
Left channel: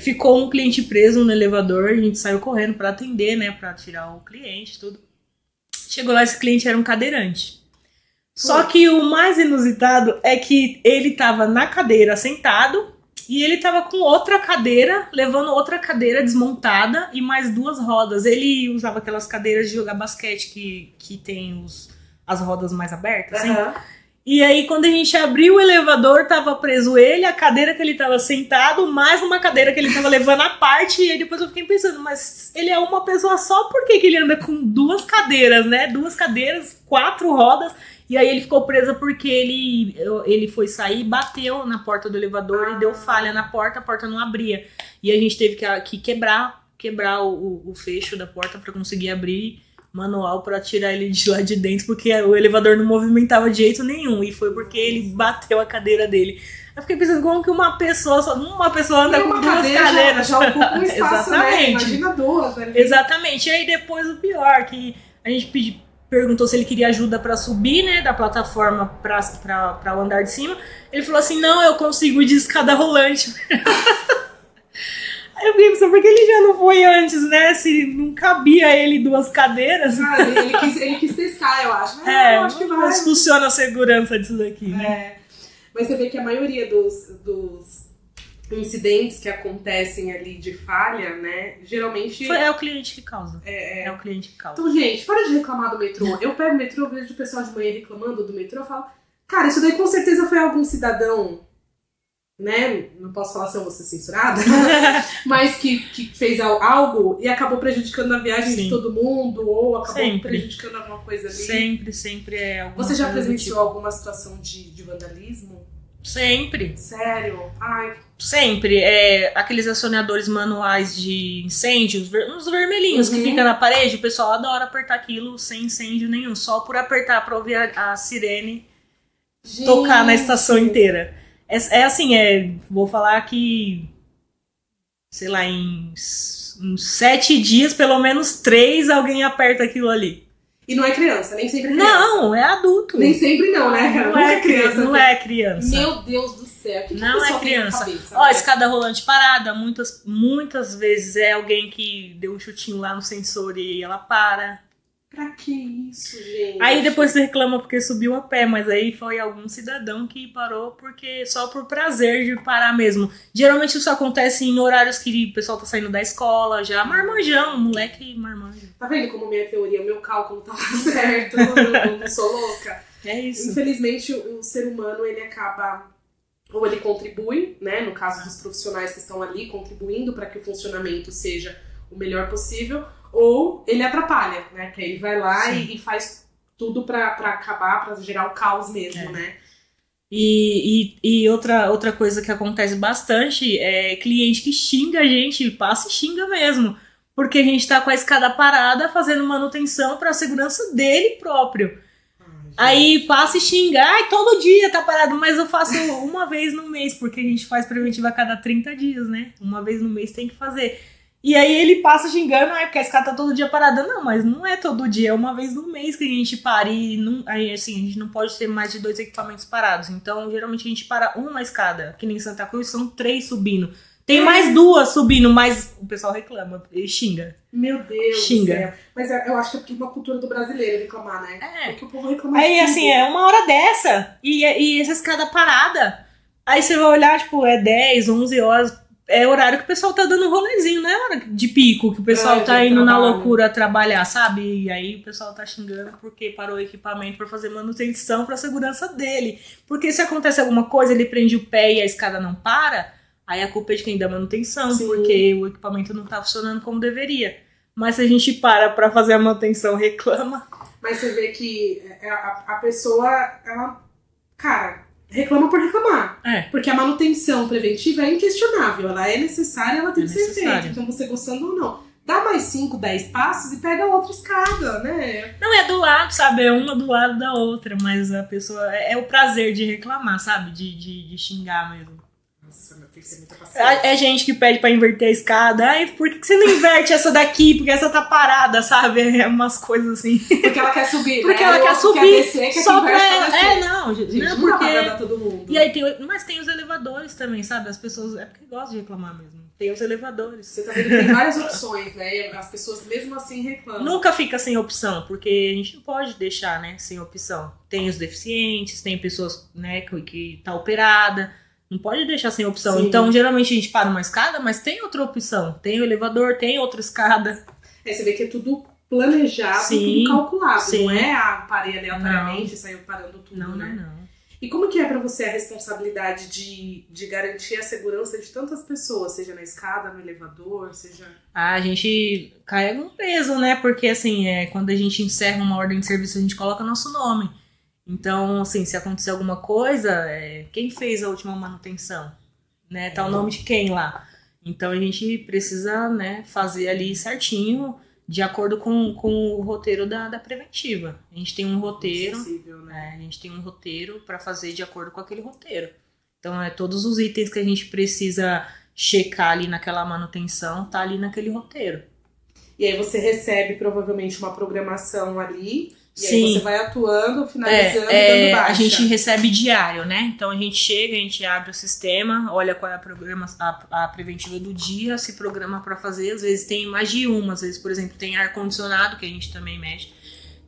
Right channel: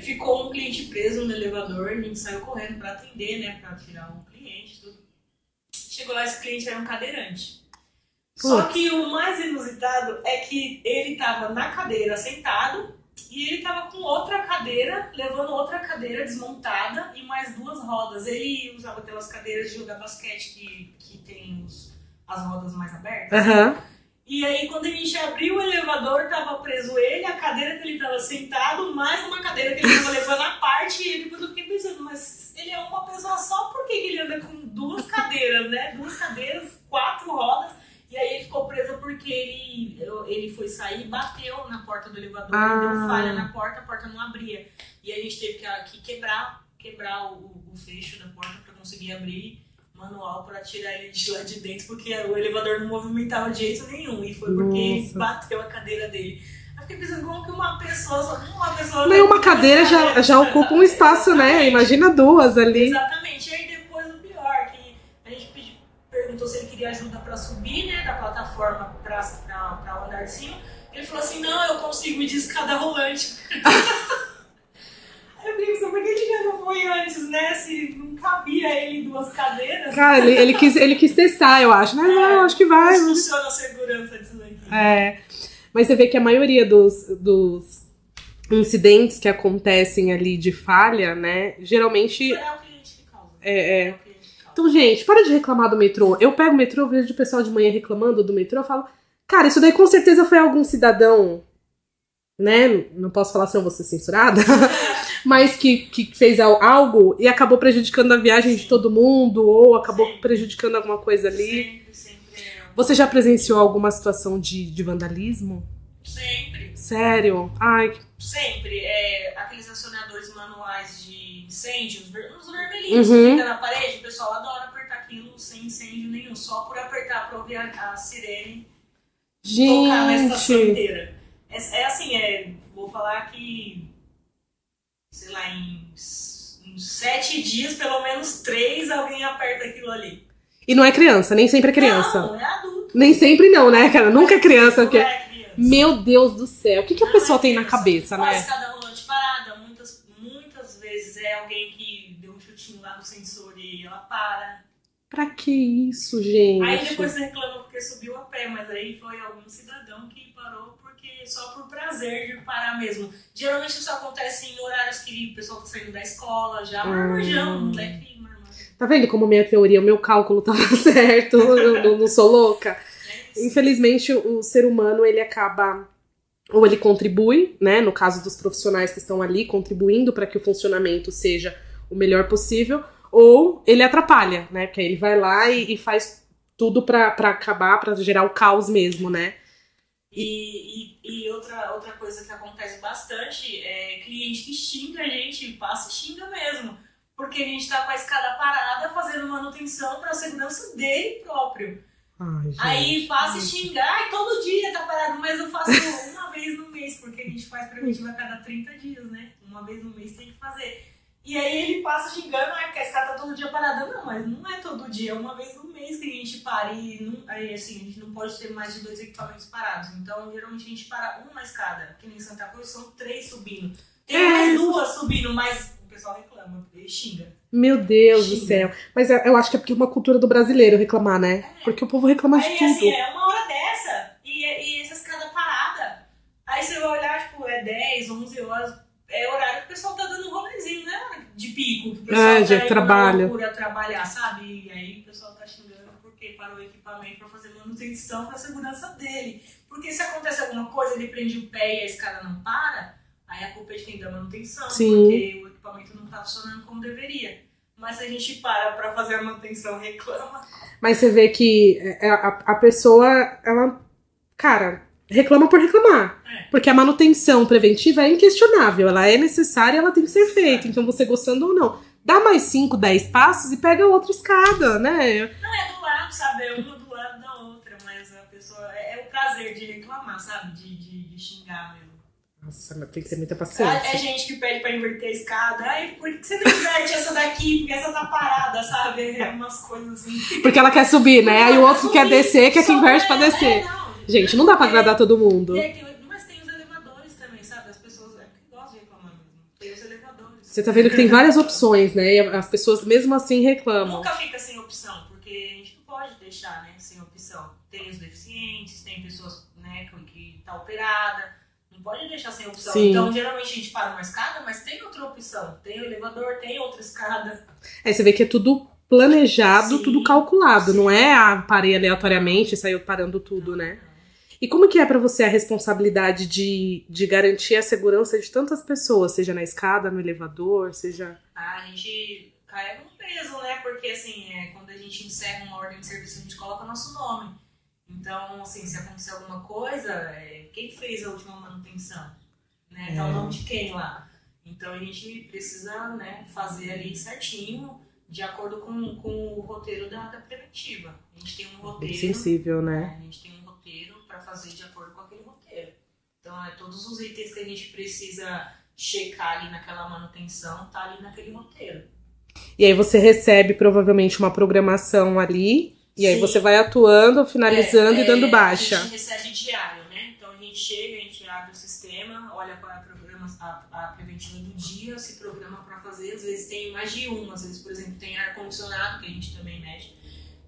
ficou um cliente preso no elevador, a gente saiu correndo para atender, né, para tirar o cliente, tudo. Chegou lá, esse cliente era um cadeirante. Só que o mais inusitado é que ele estava na cadeira sentado e ele estava com outra cadeira, levando outra cadeira desmontada e mais 2 rodas. Ele usava aquelas cadeiras de jogar basquete que tem as rodas mais abertas. Aham. Né? E aí, quando a gente abriu o elevador, tava preso ele, a cadeira que ele tava sentado, mais uma cadeira que ele tava levando à parte. E aí depois eu fiquei pensando, mas ele é uma pessoa só, por que ele anda com 2 cadeiras, né? 2 cadeiras, 4 rodas. E aí ele ficou preso porque ele foi sair e bateu na porta do elevador e deu falha na porta, a porta não abria. E a gente teve que quebrar o fecho da porta para conseguir abrir manual para tirar ele de lá de dentro, porque o elevador não movimentava de jeito nenhum. E foi porque ele bateu a cadeira dele. Eu fiquei pensando como que uma pessoa Nem uma cadeira já ocupa um espaço, né? Imagina 2 ali. Exatamente. E aí depois o pior, que a gente perguntou se ele queria ajuda pra subir, né, da plataforma pra o andar de cima. Ele falou assim, não, eu consigo ir de escada rolante. Aí eu fiquei pensando, por que ele já não foi antes, né? Se não cabia ele 2 cadeiras. Cara, ele quis testar, eu acho. Eu acho que vai. Mas funciona a segurança disso daqui. Mas você vê que a maioria dos incidentes que acontecem ali de falha, né, geralmente... É o cliente que causa. É o cliente que causa. Então, gente, para de reclamar do metrô. Eu pego o metrô, eu vejo o pessoal de manhã reclamando do metrô, eu falo, cara, isso daí com certeza foi algum cidadão, né, não posso falar se eu vou ser censurada, mas que fez algo e acabou prejudicando a viagem de todo mundo, ou acabou prejudicando alguma coisa ali. Sempre é. Você já presenciou alguma situação de vandalismo? Sempre. Sério? Ai. Sempre. Aqueles acionadores manuais de incêndio, uns vermelhinhos que ficam na parede, o pessoal adora apertar aquilo sem incêndio nenhum, só por apertar pra ouvir a sirene tocar na estação inteira. Vou falar que, sei lá, em uns 7 dias, pelo menos 3, alguém aperta aquilo ali. E não é criança, nem sempre é criança. Não, é adulto. Nem sempre não, né, cara? Nunca é criança. Não é criança. Meu Deus do céu. O que a pessoa tem na cabeça, né? Escada rolante parada, muitas vezes é alguém que deu um chutinho lá no sensor e ela para. Pra que isso, gente? Aí depois você reclama porque subiu a pé, mas aí foi algum cidadão que parou porque só por prazer de parar mesmo. Geralmente isso acontece em horários que o pessoal tá saindo da escola, já marmanjão, moleque marmanjo. Tá vendo como minha teoria, o meu cálculo tava certo? Eu não sou louca? É isso. Infelizmente, o ser humano, ele acaba... Ou ele contribui, né? No caso dos profissionais que estão ali, contribuindo para que o funcionamento seja o melhor possível, ou ele atrapalha, né? Porque ele vai lá e faz tudo pra acabar, pra gerar o caos mesmo, né? E outra coisa que acontece bastante é cliente que xinga a gente, passa e xinga mesmo. Porque a gente tá com a escada parada fazendo manutenção pra segurança dele próprio. Ai, aí passa e xinga, todo dia tá parado, mas eu faço uma vez no mês, porque a gente faz preventiva a cada 30 dias, né? Uma vez no mês tem que fazer. E aí ele passa xingando, porque a escada tá todo dia parada. Não, mas não é todo dia, é uma vez no mês que a gente para. E aí, assim, a gente não pode ter mais de 2 equipamentos parados. Então, geralmente a gente para uma escada, que nem Santa Cruz, são 3 subindo. Tem mais 2 subindo, mas o pessoal reclama e xinga. Meu Deus Xinga. do céu. Mas eu acho que é porque é uma cultura do brasileiro reclamar, né? Porque o povo reclama de Aí, tudo. assim, é 1 hora dessa e essa escada parada. Aí você vai olhar, tipo, é 10, 11 horas. É horário que o pessoal tá dando rolezinho, não é hora de pico, que o pessoal tá indo na loucura trabalhar, sabe? E aí o pessoal tá xingando porque parou o equipamento pra fazer manutenção pra segurança dele. Porque se acontece alguma coisa, ele prende o pé e a escada não para, aí a culpa é de quem dá manutenção, Sim. porque o equipamento não tá funcionando como deveria. Mas se a gente para pra fazer a manutenção, reclama. Mas você vê que a pessoa, ela, cara, reclama por reclamar. Porque a manutenção preventiva é inquestionável. Ela é necessária, ela tem que ser feita. Então, você gostando ou não, dá mais 5, 10 passos e pega outra escada, né? Não, é do lado, sabe? É uma do lado da outra. Mas a pessoa... É o prazer de reclamar, sabe? De xingar mesmo. Nossa, mas tem que ter muita paciência. É gente que pede pra inverter a escada. Ai, por que você não inverte essa daqui? Porque essa tá parada, sabe? É umas coisas assim. Porque ela quer subir, né? Aí o outro quer descer, quer que inverte pra descer. Não, gente, não dá pra agradar todo mundo. E aí mas tem os elevadores também, sabe? As pessoas... É porque gostam de reclamar mesmo. Tem os elevadores. Você tá vendo que tem várias opções, né? E as pessoas mesmo assim reclamam. Nunca fica sem opção, porque a gente não pode deixar, né, sem opção. Tem os deficientes, tem pessoas, né, que tá operada. Não pode deixar sem opção. Sim. Então, geralmente a gente para uma escada, mas tem outra opção. Tem o elevador, tem outra escada. Aí você vê que é tudo planejado, Sim. tudo calculado. Sim. Não é parei aleatoriamente e saiu parando tudo, né? Não. E como que é pra você a responsabilidade de garantir a segurança de tantas pessoas? Seja na escada, no elevador, seja... A gente carrega um peso, né? Porque, assim, quando a gente encerra uma ordem de serviço, a gente coloca nosso nome. Então, assim, se acontecer alguma coisa, quem fez a última manutenção? Né? Tá o nome de quem lá? Então, a gente precisa, né, fazer ali certinho, de acordo com o roteiro da preventiva. A gente tem um roteiro... Sensível, né? A gente tem um roteiro para fazer de acordo com aquele roteiro. Então, todos os itens que a gente precisa checar ali naquela manutenção, tá ali naquele roteiro. E aí você recebe, provavelmente, uma programação ali... E aí Sim. você vai atuando, finalizando e dando baixa. A gente recebe diário, né? Então a gente chega, a gente abre o sistema, olha qual é a preventiva do dia, se programa para fazer. Às vezes tem mais de uma, às vezes, por exemplo, tem ar-condicionado, que a gente também mexe.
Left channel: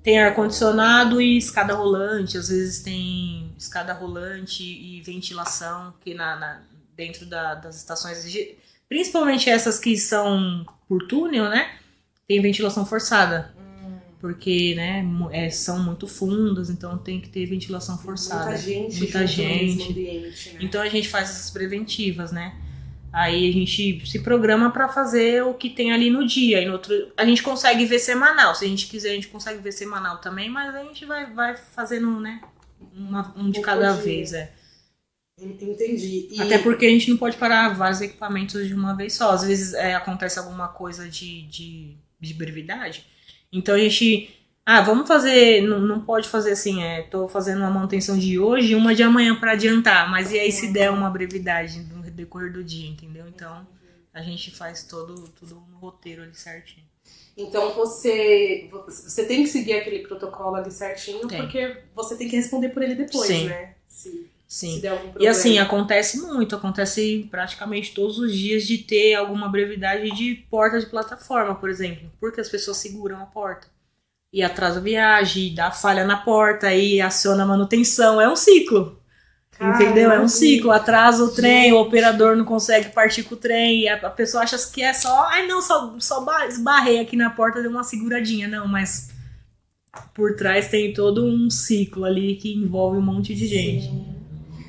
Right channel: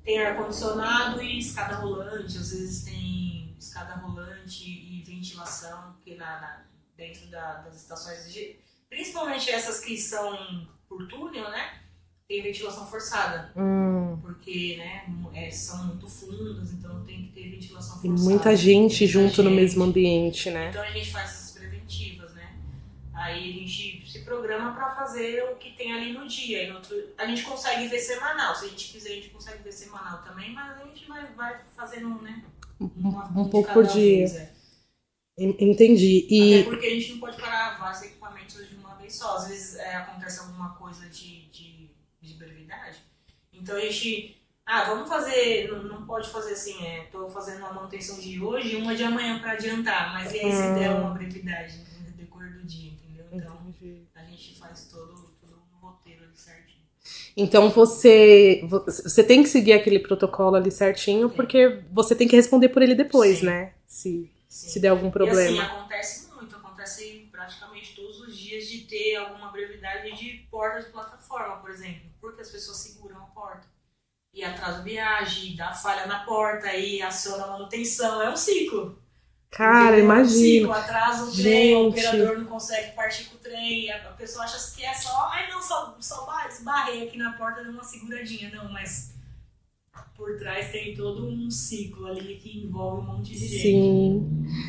Tem ar-condicionado e escada rolante, às vezes tem escada rolante e ventilação, que dentro das estações, principalmente essas que são por túnel, né? Tem ventilação forçada, porque, né, são muito fundas, então tem que ter ventilação forçada. Muita gente junto no mesmo ambiente, né? Então a gente faz essas preventivas, né? Aí a gente se programa pra fazer o que tem ali no dia. E no outro, a gente consegue ver semanal. Se a gente quiser, a gente consegue ver semanal também, mas a gente vai fazendo, né, um de cada vez. Entendi. Até porque a gente não pode parar vários equipamentos de uma vez só. Às vezes acontece alguma coisa de brevidade. Então a gente... vamos fazer... Não pode fazer assim, tô fazendo uma manutenção de hoje e uma de amanhã pra adiantar. Mas e aí se der uma brevidade no decorrer do dia, entendeu? Então a gente faz tudo no roteiro ali certinho. Então você tem que seguir aquele protocolo ali certinho, porque você tem que responder por ele depois, Sim. né? Sim. Se der algum problema. E assim, acontece praticamente todos os dias de ter alguma brevidade de porta de plataforma, por exemplo. Porque as pessoas seguram a porta. E atrasa a viagem, dá falha na porta, aí aciona a manutenção. É um ciclo. Cara, entendeu? imagina. É um ciclo, atrasa o trem, Gente. o operador não consegue partir com o trem, e a pessoa acha que é só... só esbarrei aqui na porta, deu uma seguradinha. Não, mas... por trás tem todo um ciclo ali que envolve um monte de gente.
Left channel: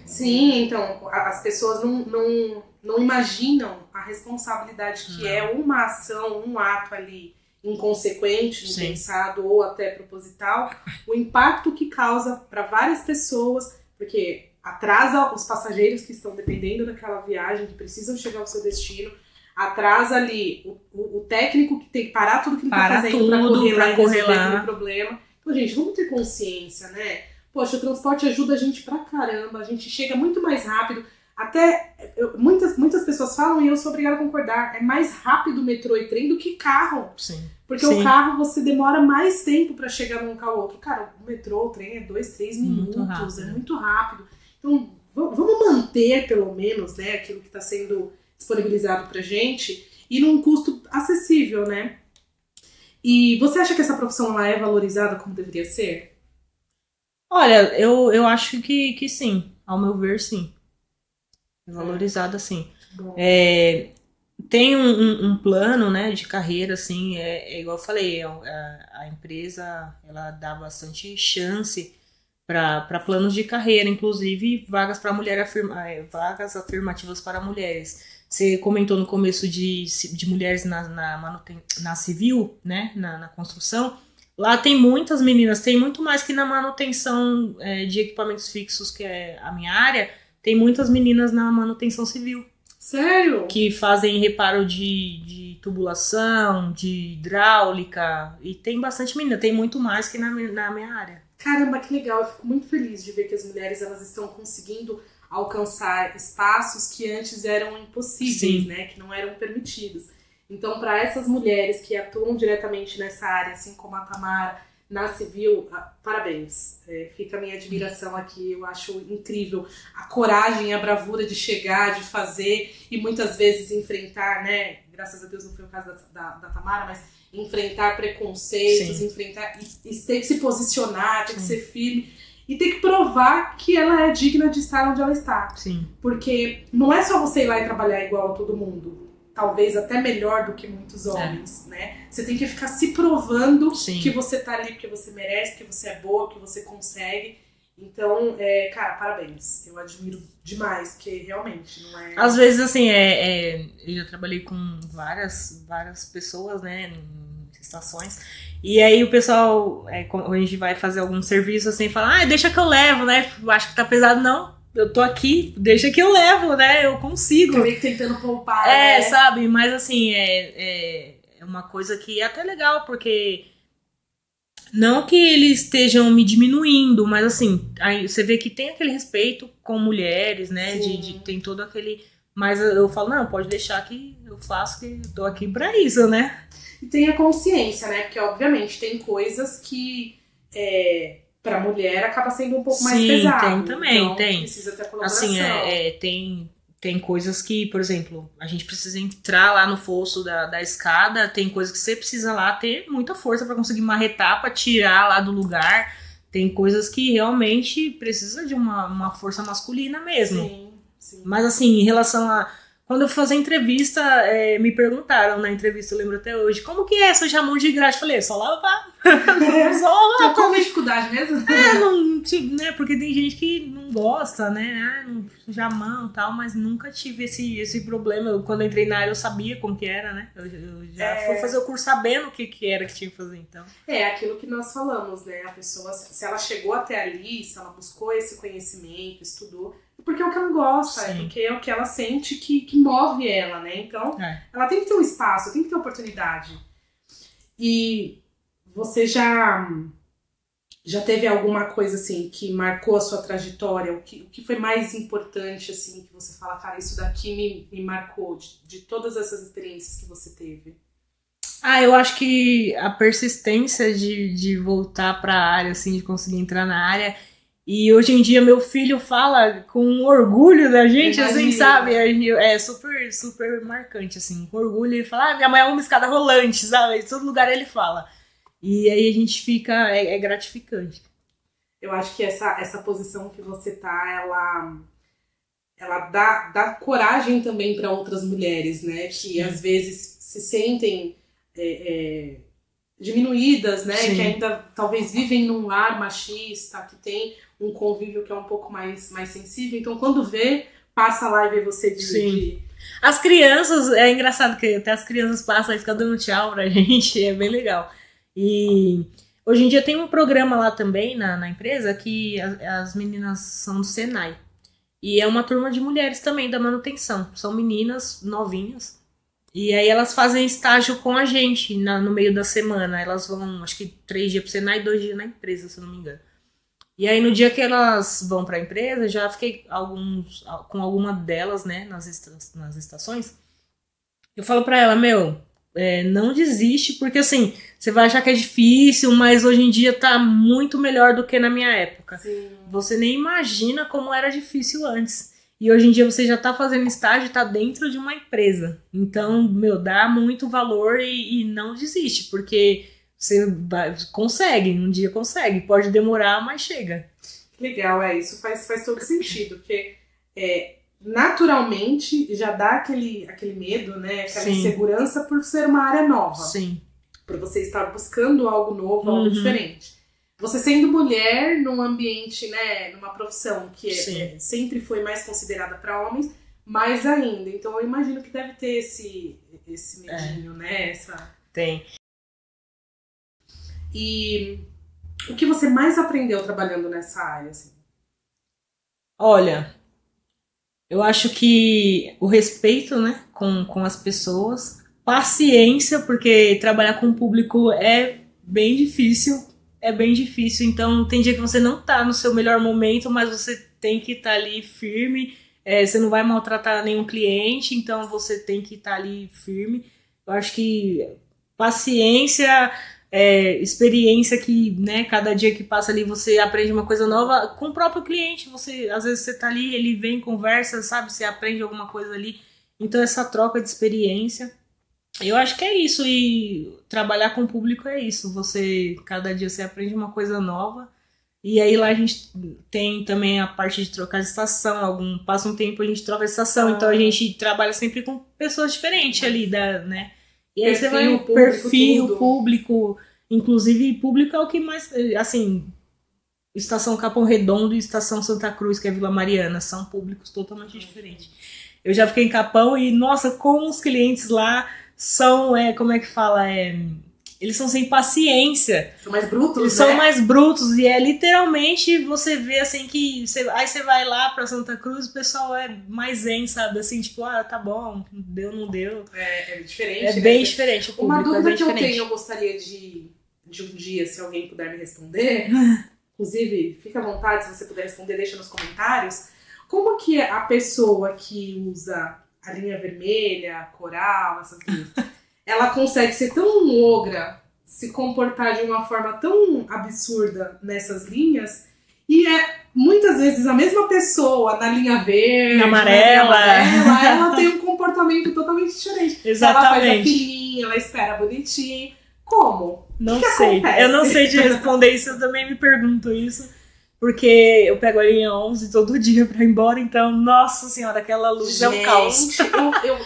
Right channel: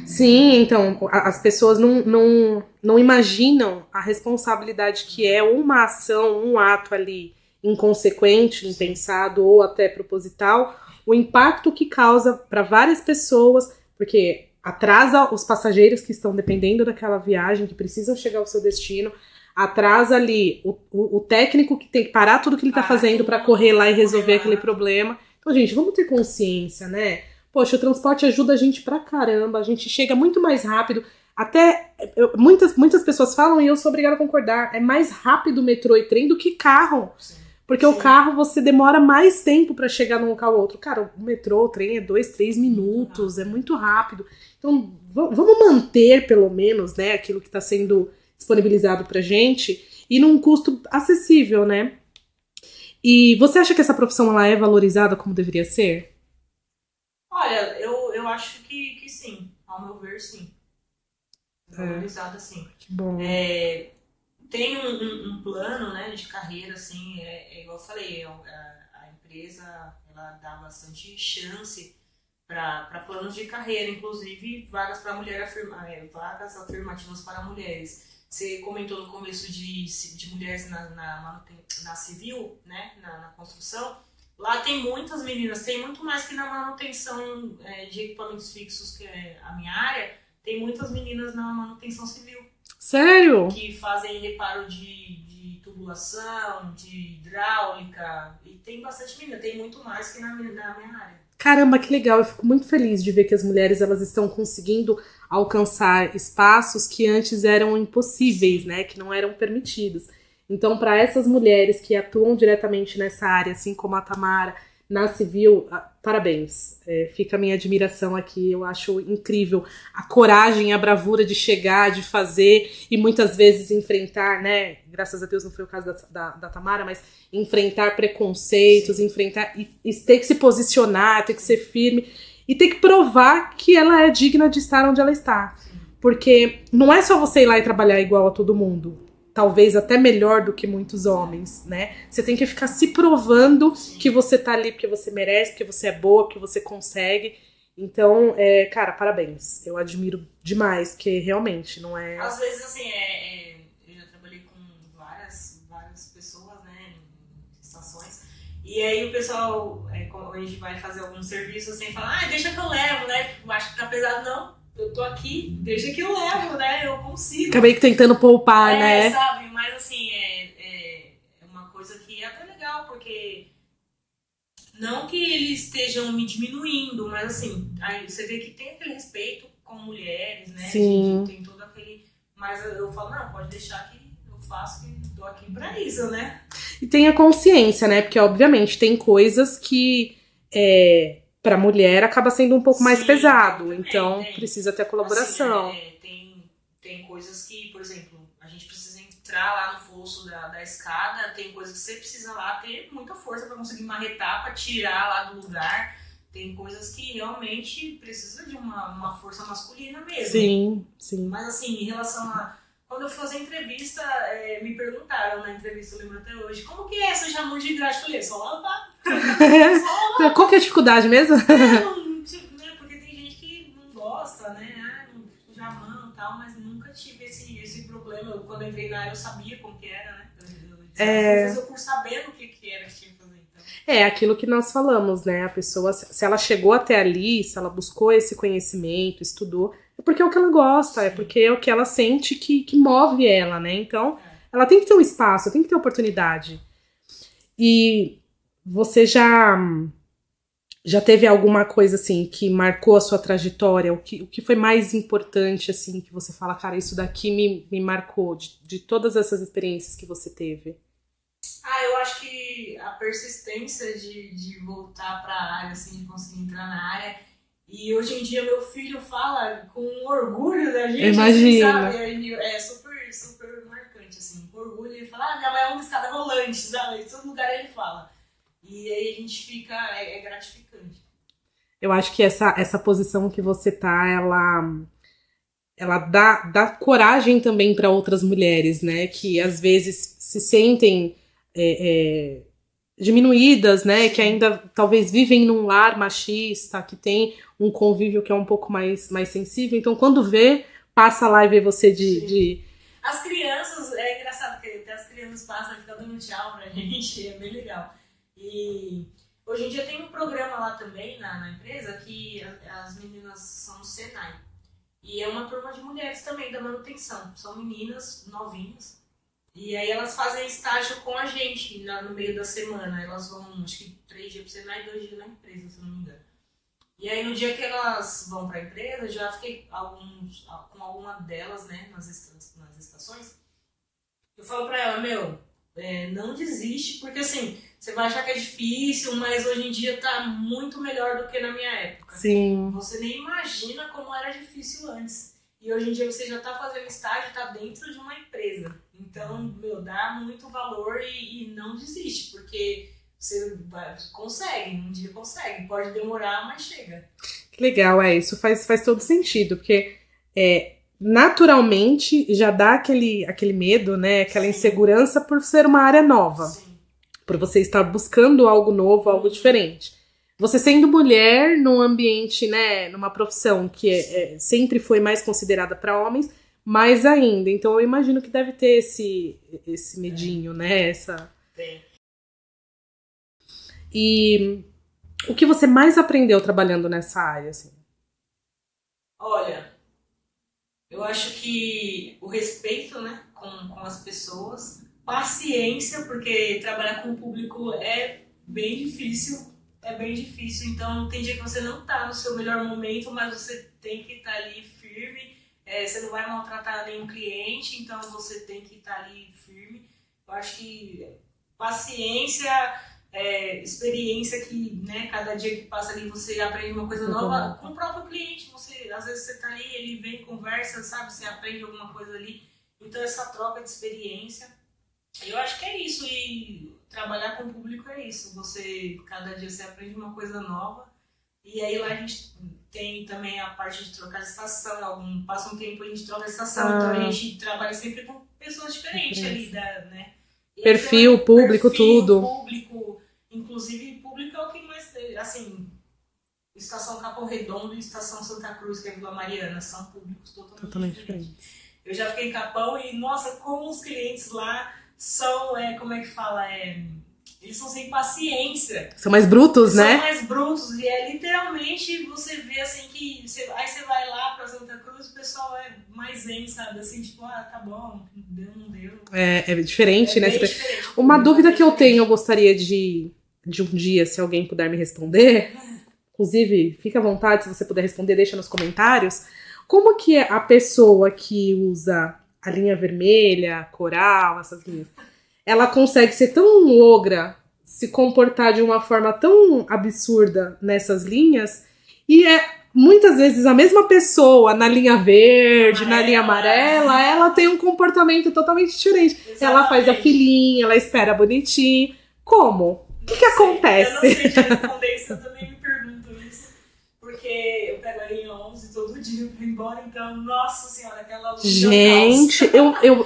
Sim, então as pessoas não imaginam a responsabilidade que é uma ação, um ato ali inconsequente, impensado ou até proposital, o impacto que causa para várias pessoas, porque atrasa os passageiros que estão dependendo daquela viagem, que precisam chegar ao seu destino, atrasa ali o técnico que tem que parar tudo que ele tá fazendo para correr lá e resolver aquele problema. Então, gente, vamos ter consciência, né? Poxa, o transporte ajuda a gente pra caramba, a gente chega muito mais rápido. Até, muitas pessoas falam, e eu sou obrigada a concordar, é mais rápido metrô e trem do que carro. Sim. Porque o carro você demora mais tempo pra chegar num local ou outro. Cara, o metrô, o trem é 2, 3 minutos, é muito rápido. Então, vamos manter, pelo menos, né, aquilo que tá sendo disponibilizado pra gente e num custo acessível, né? E você acha que essa profissão ela é valorizada como deveria ser? Olha, eu acho que sim. Ao meu ver, sim. Valorizada, sim. Bom. Tem um plano, né, de carreira, assim, igual eu falei, a empresa, ela dá bastante chance para planos de carreira, inclusive vagas para mulher, vagas afirmativas para mulheres. Você comentou no começo de mulheres na civil, né, na construção. Lá tem muitas meninas, tem muito mais que na manutenção de equipamentos fixos, que é a minha área, tem muitas meninas na manutenção civil. Sério? Que fazem reparo de tubulação, de hidráulica, e tem bastante menina, tem muito mais que na minha área. Caramba, que legal, eu fico muito feliz de ver que as mulheres elas estão conseguindo alcançar espaços que antes eram impossíveis, né, que não eram permitidos. Então, para essas mulheres que atuam diretamente nessa área, assim como a Tamara, na civil, parabéns. Fica a minha admiração aqui, eu acho incrível a coragem, a bravura de chegar, de fazer e muitas vezes enfrentar, né, graças a Deus não foi o caso da Tamara, mas enfrentar preconceitos, Sim. enfrentar e ter que se posicionar, ter que ser firme e ter que provar que ela é digna de estar onde ela está. Sim. Porque não é só você ir lá e trabalhar igual a todo mundo. Talvez até melhor do que muitos homens, né? Você tem que ficar se provando que você tá ali porque você merece, porque você é boa, porque você consegue. Então, cara, parabéns. Eu admiro demais, que realmente não é... Às vezes, assim, eu já trabalhei com várias pessoas, né, em estações. E aí o pessoal, quando a gente vai fazer algum serviço, assim, fala, deixa que eu levo, né? Acho que tá pesado, não. Eu tô aqui, deixa que eu levo, né? Eu consigo. Acabei tentando poupar, né? Sabe? Mas assim, é uma coisa que é até legal, porque não que eles estejam me diminuindo, mas assim, aí você vê que tem aquele respeito com mulheres, né? Tem todo aquele... Mas eu falo, não, pode deixar que eu faço, que eu tô aqui pra isso, né? E tem a consciência, né? Porque, obviamente, tem coisas que... pra mulher acaba sendo um pouco mais pesado. Tem também, então tem. Precisa ter colaboração. Assim, tem coisas que, por exemplo, a gente precisa entrar lá no fosso da escada, tem coisas que você precisa lá ter muita força pra conseguir marretar, pra tirar lá do lugar. Tem coisas que realmente precisa de uma força masculina mesmo. Sim. Mas assim, em relação a... Quando eu fui fazer entrevista, me perguntaram na entrevista, eu lembro até hoje, como que é sujar mão de graxa? Eu falei, só lavar. Só lavar. Qual que é a dificuldade mesmo? Né, porque tem gente que não gosta, né? Não sujar a mão e tal, mas nunca tive esse problema. Quando eu entrei na área, eu sabia como que era, né? Eu já fui fazer o curso sabendo o que era que tinha que fazer, então. É aquilo que nós falamos, né? A pessoa, se ela chegou até ali, se ela buscou esse conhecimento, estudou, é porque é o que ela gosta, é porque é o que ela sente que move ela, né? Então, ela tem que ter um espaço, tem que ter oportunidade. E você já teve alguma coisa, assim, que marcou a sua trajetória? O que foi mais importante, assim, que você fala, cara, isso daqui me marcou, de todas essas experiências que você teve? Eu acho que a persistência de voltar pra área, assim, de conseguir entrar na área. E hoje em dia meu filho fala com orgulho da gente, assim, sabe? É super, super marcante, assim, com orgulho. Ele fala, minha mãe é uma escada rolante, sabe? Em todo lugar ele fala. E aí a gente fica, é gratificante. Eu acho que essa posição que você tá, ela dá coragem também para outras mulheres, né? Que às vezes se sentem diminuídas, né? Que ainda talvez vivem num lar machista, que tem um convívio que é um pouco mais sensível. Então quando passa lá e vê você de... As crianças, é engraçado que até as crianças passam e ficam dando tchau pra gente, é bem legal. E hoje em dia tem um programa lá também na empresa que as meninas são do Senai. E é uma turma de mulheres também da manutenção. São meninas novinhas. E aí elas fazem estágio com a gente no meio da semana. Elas vão, acho que 3 dias pro Senai e 2 dias na empresa, se eu não me engano. E aí no dia que elas vão pra empresa, já fiquei com alguma delas, né, nas estações. Eu falo pra ela, não desiste, porque assim, você vai achar que é difícil, mas hoje em dia tá muito melhor do que na minha época. Sim. Você nem imagina como era difícil antes. E hoje em dia você já tá fazendo estágio, tá dentro de uma empresa. Então, dá muito valor e não desiste, porque você consegue, um dia consegue. Pode demorar, mas chega. Que legal, isso faz todo sentido, porque naturalmente já dá aquele medo, né? Aquela Sim. insegurança por ser uma área nova. Sim. Por você estar buscando algo novo, algo diferente. Você sendo mulher num ambiente, né, numa profissão que sempre foi mais considerada para homens, mais ainda. Então eu imagino que deve ter esse medinho, né? Tem. E o que você mais aprendeu trabalhando nessa área, assim? Olha, eu acho que o respeito, né, com as pessoas, paciência, porque trabalhar com o público é bem difícil. Então tem dia que você não tá no seu melhor momento, mas você tem que estar ali firme, você não vai maltratar nenhum cliente, então você tem que estar ali firme. Eu acho que paciência, experiência que, né, cada dia que passa ali você aprende uma coisa nova com o próprio cliente. Às vezes você tá ali, ele vem, conversa, sabe, você aprende alguma coisa ali. Então essa troca de experiência, eu acho que é isso, e trabalhar com o público é isso. Cada dia você aprende uma coisa nova, e aí lá a gente tem também a parte de trocar de estação, passa um tempo a gente troca de estação, então a gente trabalha sempre com pessoas diferentes ali, né? E perfil, público, tudo. Público, inclusive público é o que mais, assim, Estação Capão Redondo e Estação Santa Cruz, que é Vila Mariana, são públicos totalmente diferentes. Eu já fiquei em Capão e, nossa, como os clientes lá são, como é que fala? Eles são sem paciência. São mais brutos, né? São mais brutos. E literalmente você vê assim que... Aí você vai lá pra Santa Cruz, o pessoal é mais zen, sabe? Assim, tipo, tá bom, deu, não deu. É diferente, né? É bem diferente. Uma dúvida que eu tenho, eu gostaria de um dia, se alguém puder me responder. Inclusive, fica à vontade, se você puder responder, deixa nos comentários. Como que a pessoa que usa a linha vermelha, coral, essas linhas, ela consegue ser tão ogra, se comportar de uma forma tão absurda nessas linhas, e muitas vezes a mesma pessoa na linha verde, na linha amarela, ela tem um comportamento totalmente diferente. Exatamente. Ela faz a filinha, ela espera bonitinho. Como? O que acontece? Eu não sei te responder isso, eu também me pergunto isso. Porque eu pego a linha 11 todo dia pra ir embora, então, nossa senhora, aquela luz é um caos. Gente,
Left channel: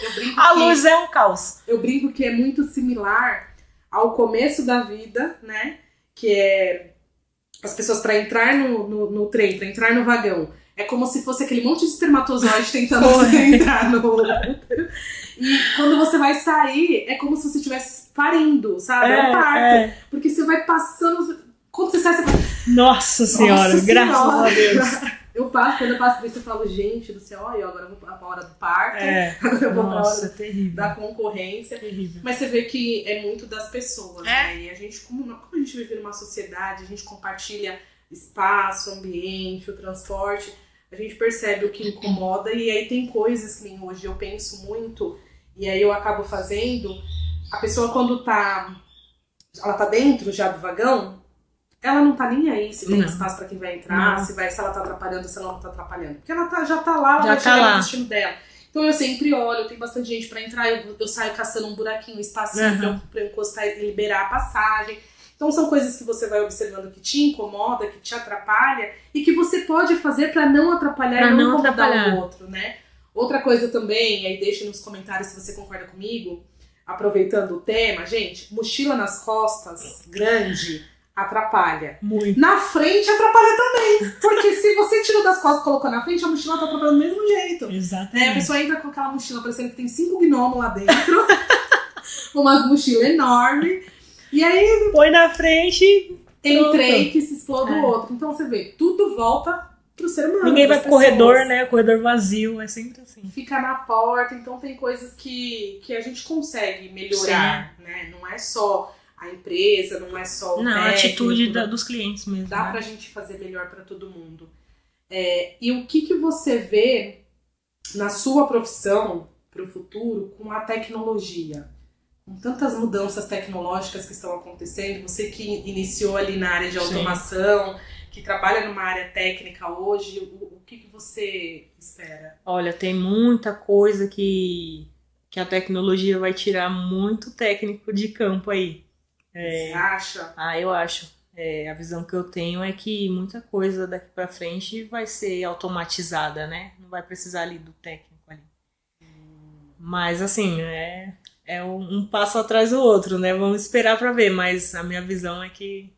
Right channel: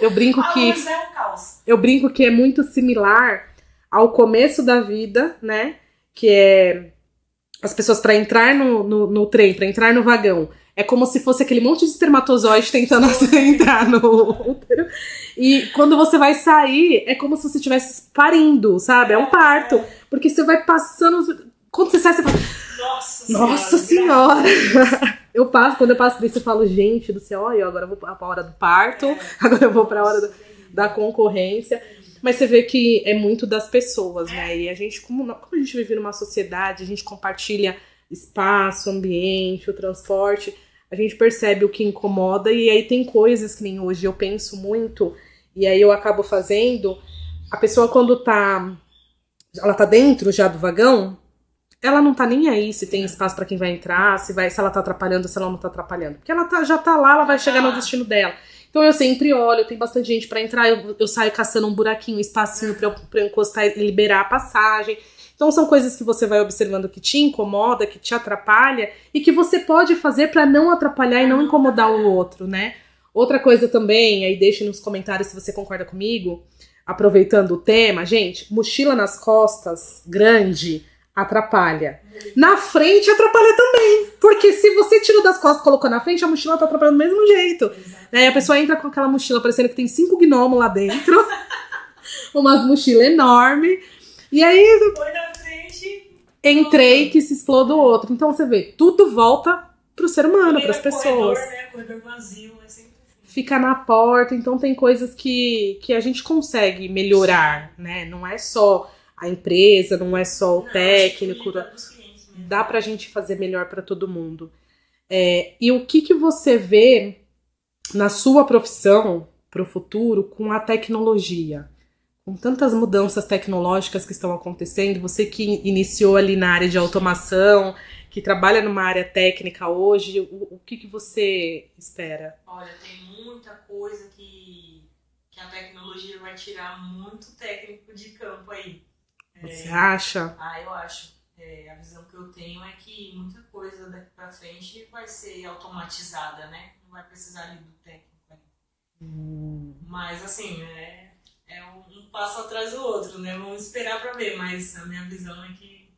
eu brinco que... A luz é um caos. Eu brinco que é muito similar ao começo da vida, né? Que é as pessoas pra entrar no trem, pra entrar no vagão. É como se fosse aquele monte de espermatozoide tentando entrar no útero. E quando você vai sair, é como se você estivesse parindo, sabe? É um parto. Porque você vai passando... Quando você sai, você fala... Nossa senhora, graças a Deus. Quando eu passo disso, eu falo, gente do céu, agora eu vou pra hora do parto, agora eu vou pra hora da concorrência. Terrível. Mas você vê que é muito das pessoas, né? E a gente, como a gente vive numa sociedade, a gente compartilha espaço, ambiente, o transporte, a gente percebe o que incomoda, e aí tem coisas que nem hoje eu penso muito, e aí eu acabo fazendo. A pessoa, quando ela tá dentro já do vagão, ela não tá nem aí se tem espaço pra quem vai entrar, se ela tá atrapalhando, se ela não tá atrapalhando. Porque ela já tá lá, ela vai chegar no destino dela. Então eu sempre olho, tem bastante gente pra entrar, eu saio caçando um buraquinho, um espacinho pra eu encostar e liberar a passagem. Então são coisas que você vai observando que te incomoda, que te atrapalha, e que você pode fazer pra não atrapalhar e não incomodar o outro, né? Outra coisa também, aí deixe nos comentários se você concorda comigo, aproveitando o tema, gente, mochila nas costas, grande... atrapalha. Muito. Na frente atrapalha também. Porque se você tirou das costas e colocou na frente, a mochila tá atrapalhando do mesmo jeito. Exatamente. A pessoa entra com aquela mochila parecendo que tem 5 gnomos lá dentro. Umas mochilas enormes. E aí... põe na frente... Entrei que se exploda o outro. Então você vê, tudo volta pro ser humano. Ninguém vai pro pessoas. Corredor, né? Corredor vazio, é sempre assim. Fica na porta. Então tem coisas que a gente consegue melhorar, né? Não é só... a empresa, não é só o técnico. A atitude dos clientes mesmo. Dá pra gente fazer melhor pra todo mundo. E o que você vê na sua profissão pro futuro com a tecnologia? Com tantas mudanças tecnológicas que estão acontecendo, você que iniciou ali na área de automação, que trabalha numa área técnica hoje, o que você espera? Olha, tem muita coisa que a tecnologia vai tirar muito técnico de campo aí. Você acha? Eu acho. A visão que eu tenho é que muita coisa daqui pra frente vai ser automatizada, né? Não vai precisar ali do técnico ali. Mas assim, é um passo atrás do outro, né? Vamos esperar pra ver, mas a minha visão é que...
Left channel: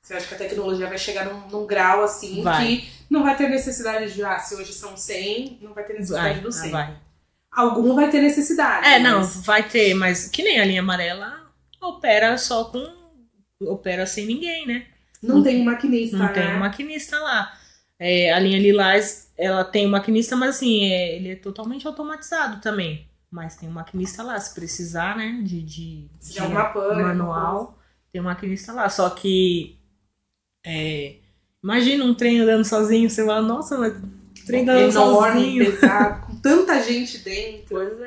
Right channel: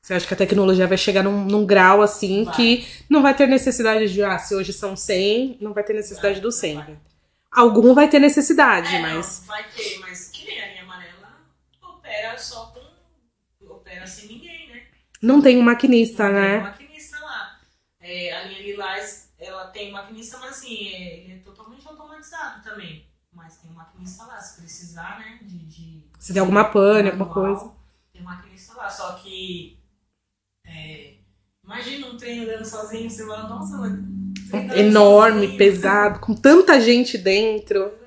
Você acha que a tecnologia vai chegar num grau assim que não vai ter necessidade de, se hoje são 100, não vai ter necessidade do 100. Algum vai ter necessidade. Não, vai ter, mas que nem a linha amarela opera opera sem ninguém, né? Não tem um maquinista, né? Não tem um maquinista lá. A linha lilás, ela tem um maquinista, mas assim, ele é totalmente automatizado também. Mas tem um maquinista lá, se precisar, né? Se der alguma pane, alguma coisa. Tem um maquinista lá, só que... imagina um trem andando sozinho, você fala, nossa, mas trem andando enorme, sozinho. Pesado, com tanta gente dentro.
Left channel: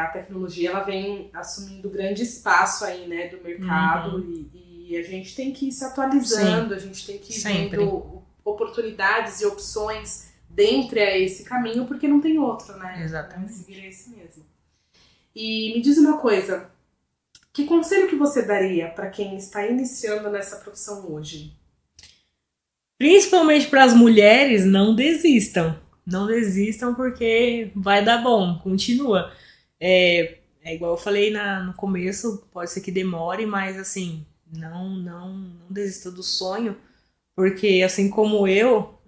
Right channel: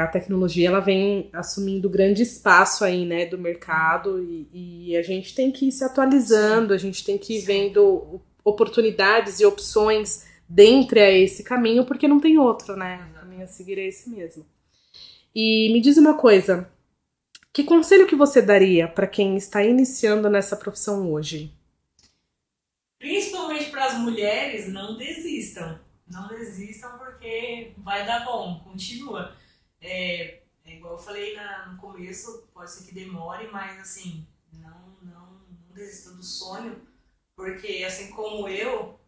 A tecnologia ela vem assumindo grande espaço aí, né, do mercado, e a gente tem que ir se atualizando, Sim. A gente tem que ir vendo oportunidades e opções dentro a esse caminho, porque não tem outro, né? Exatamente. Seguir esse mesmo. E me diz uma coisa, que conselho que você daria para quem está iniciando nessa profissão hoje? Principalmente para as mulheres, não desistam. Não desistam porque vai dar bom, continua. É igual eu falei no começo, pode ser que demore, mas assim, não desista do sonho, porque assim como eu,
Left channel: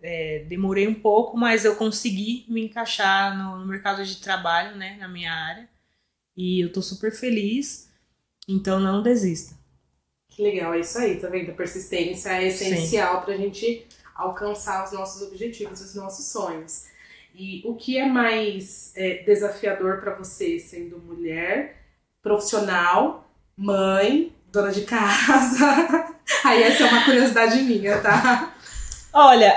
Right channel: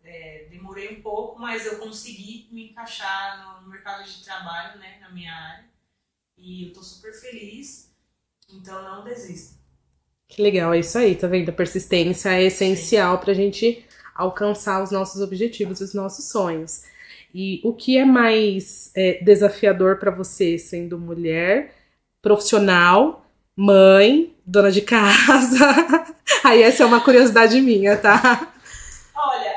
demorei um pouco, mas eu consegui me encaixar no mercado de trabalho, né, na minha área, e eu tô super feliz, então não desista. Que legal, é isso aí, tá vendo? A persistência é essencial pra gente alcançar os nossos objetivos, os nossos sonhos. E o que é mais desafiador para você, sendo mulher, profissional, mãe, dona de casa? Aí essa é uma curiosidade minha, tá? Olha,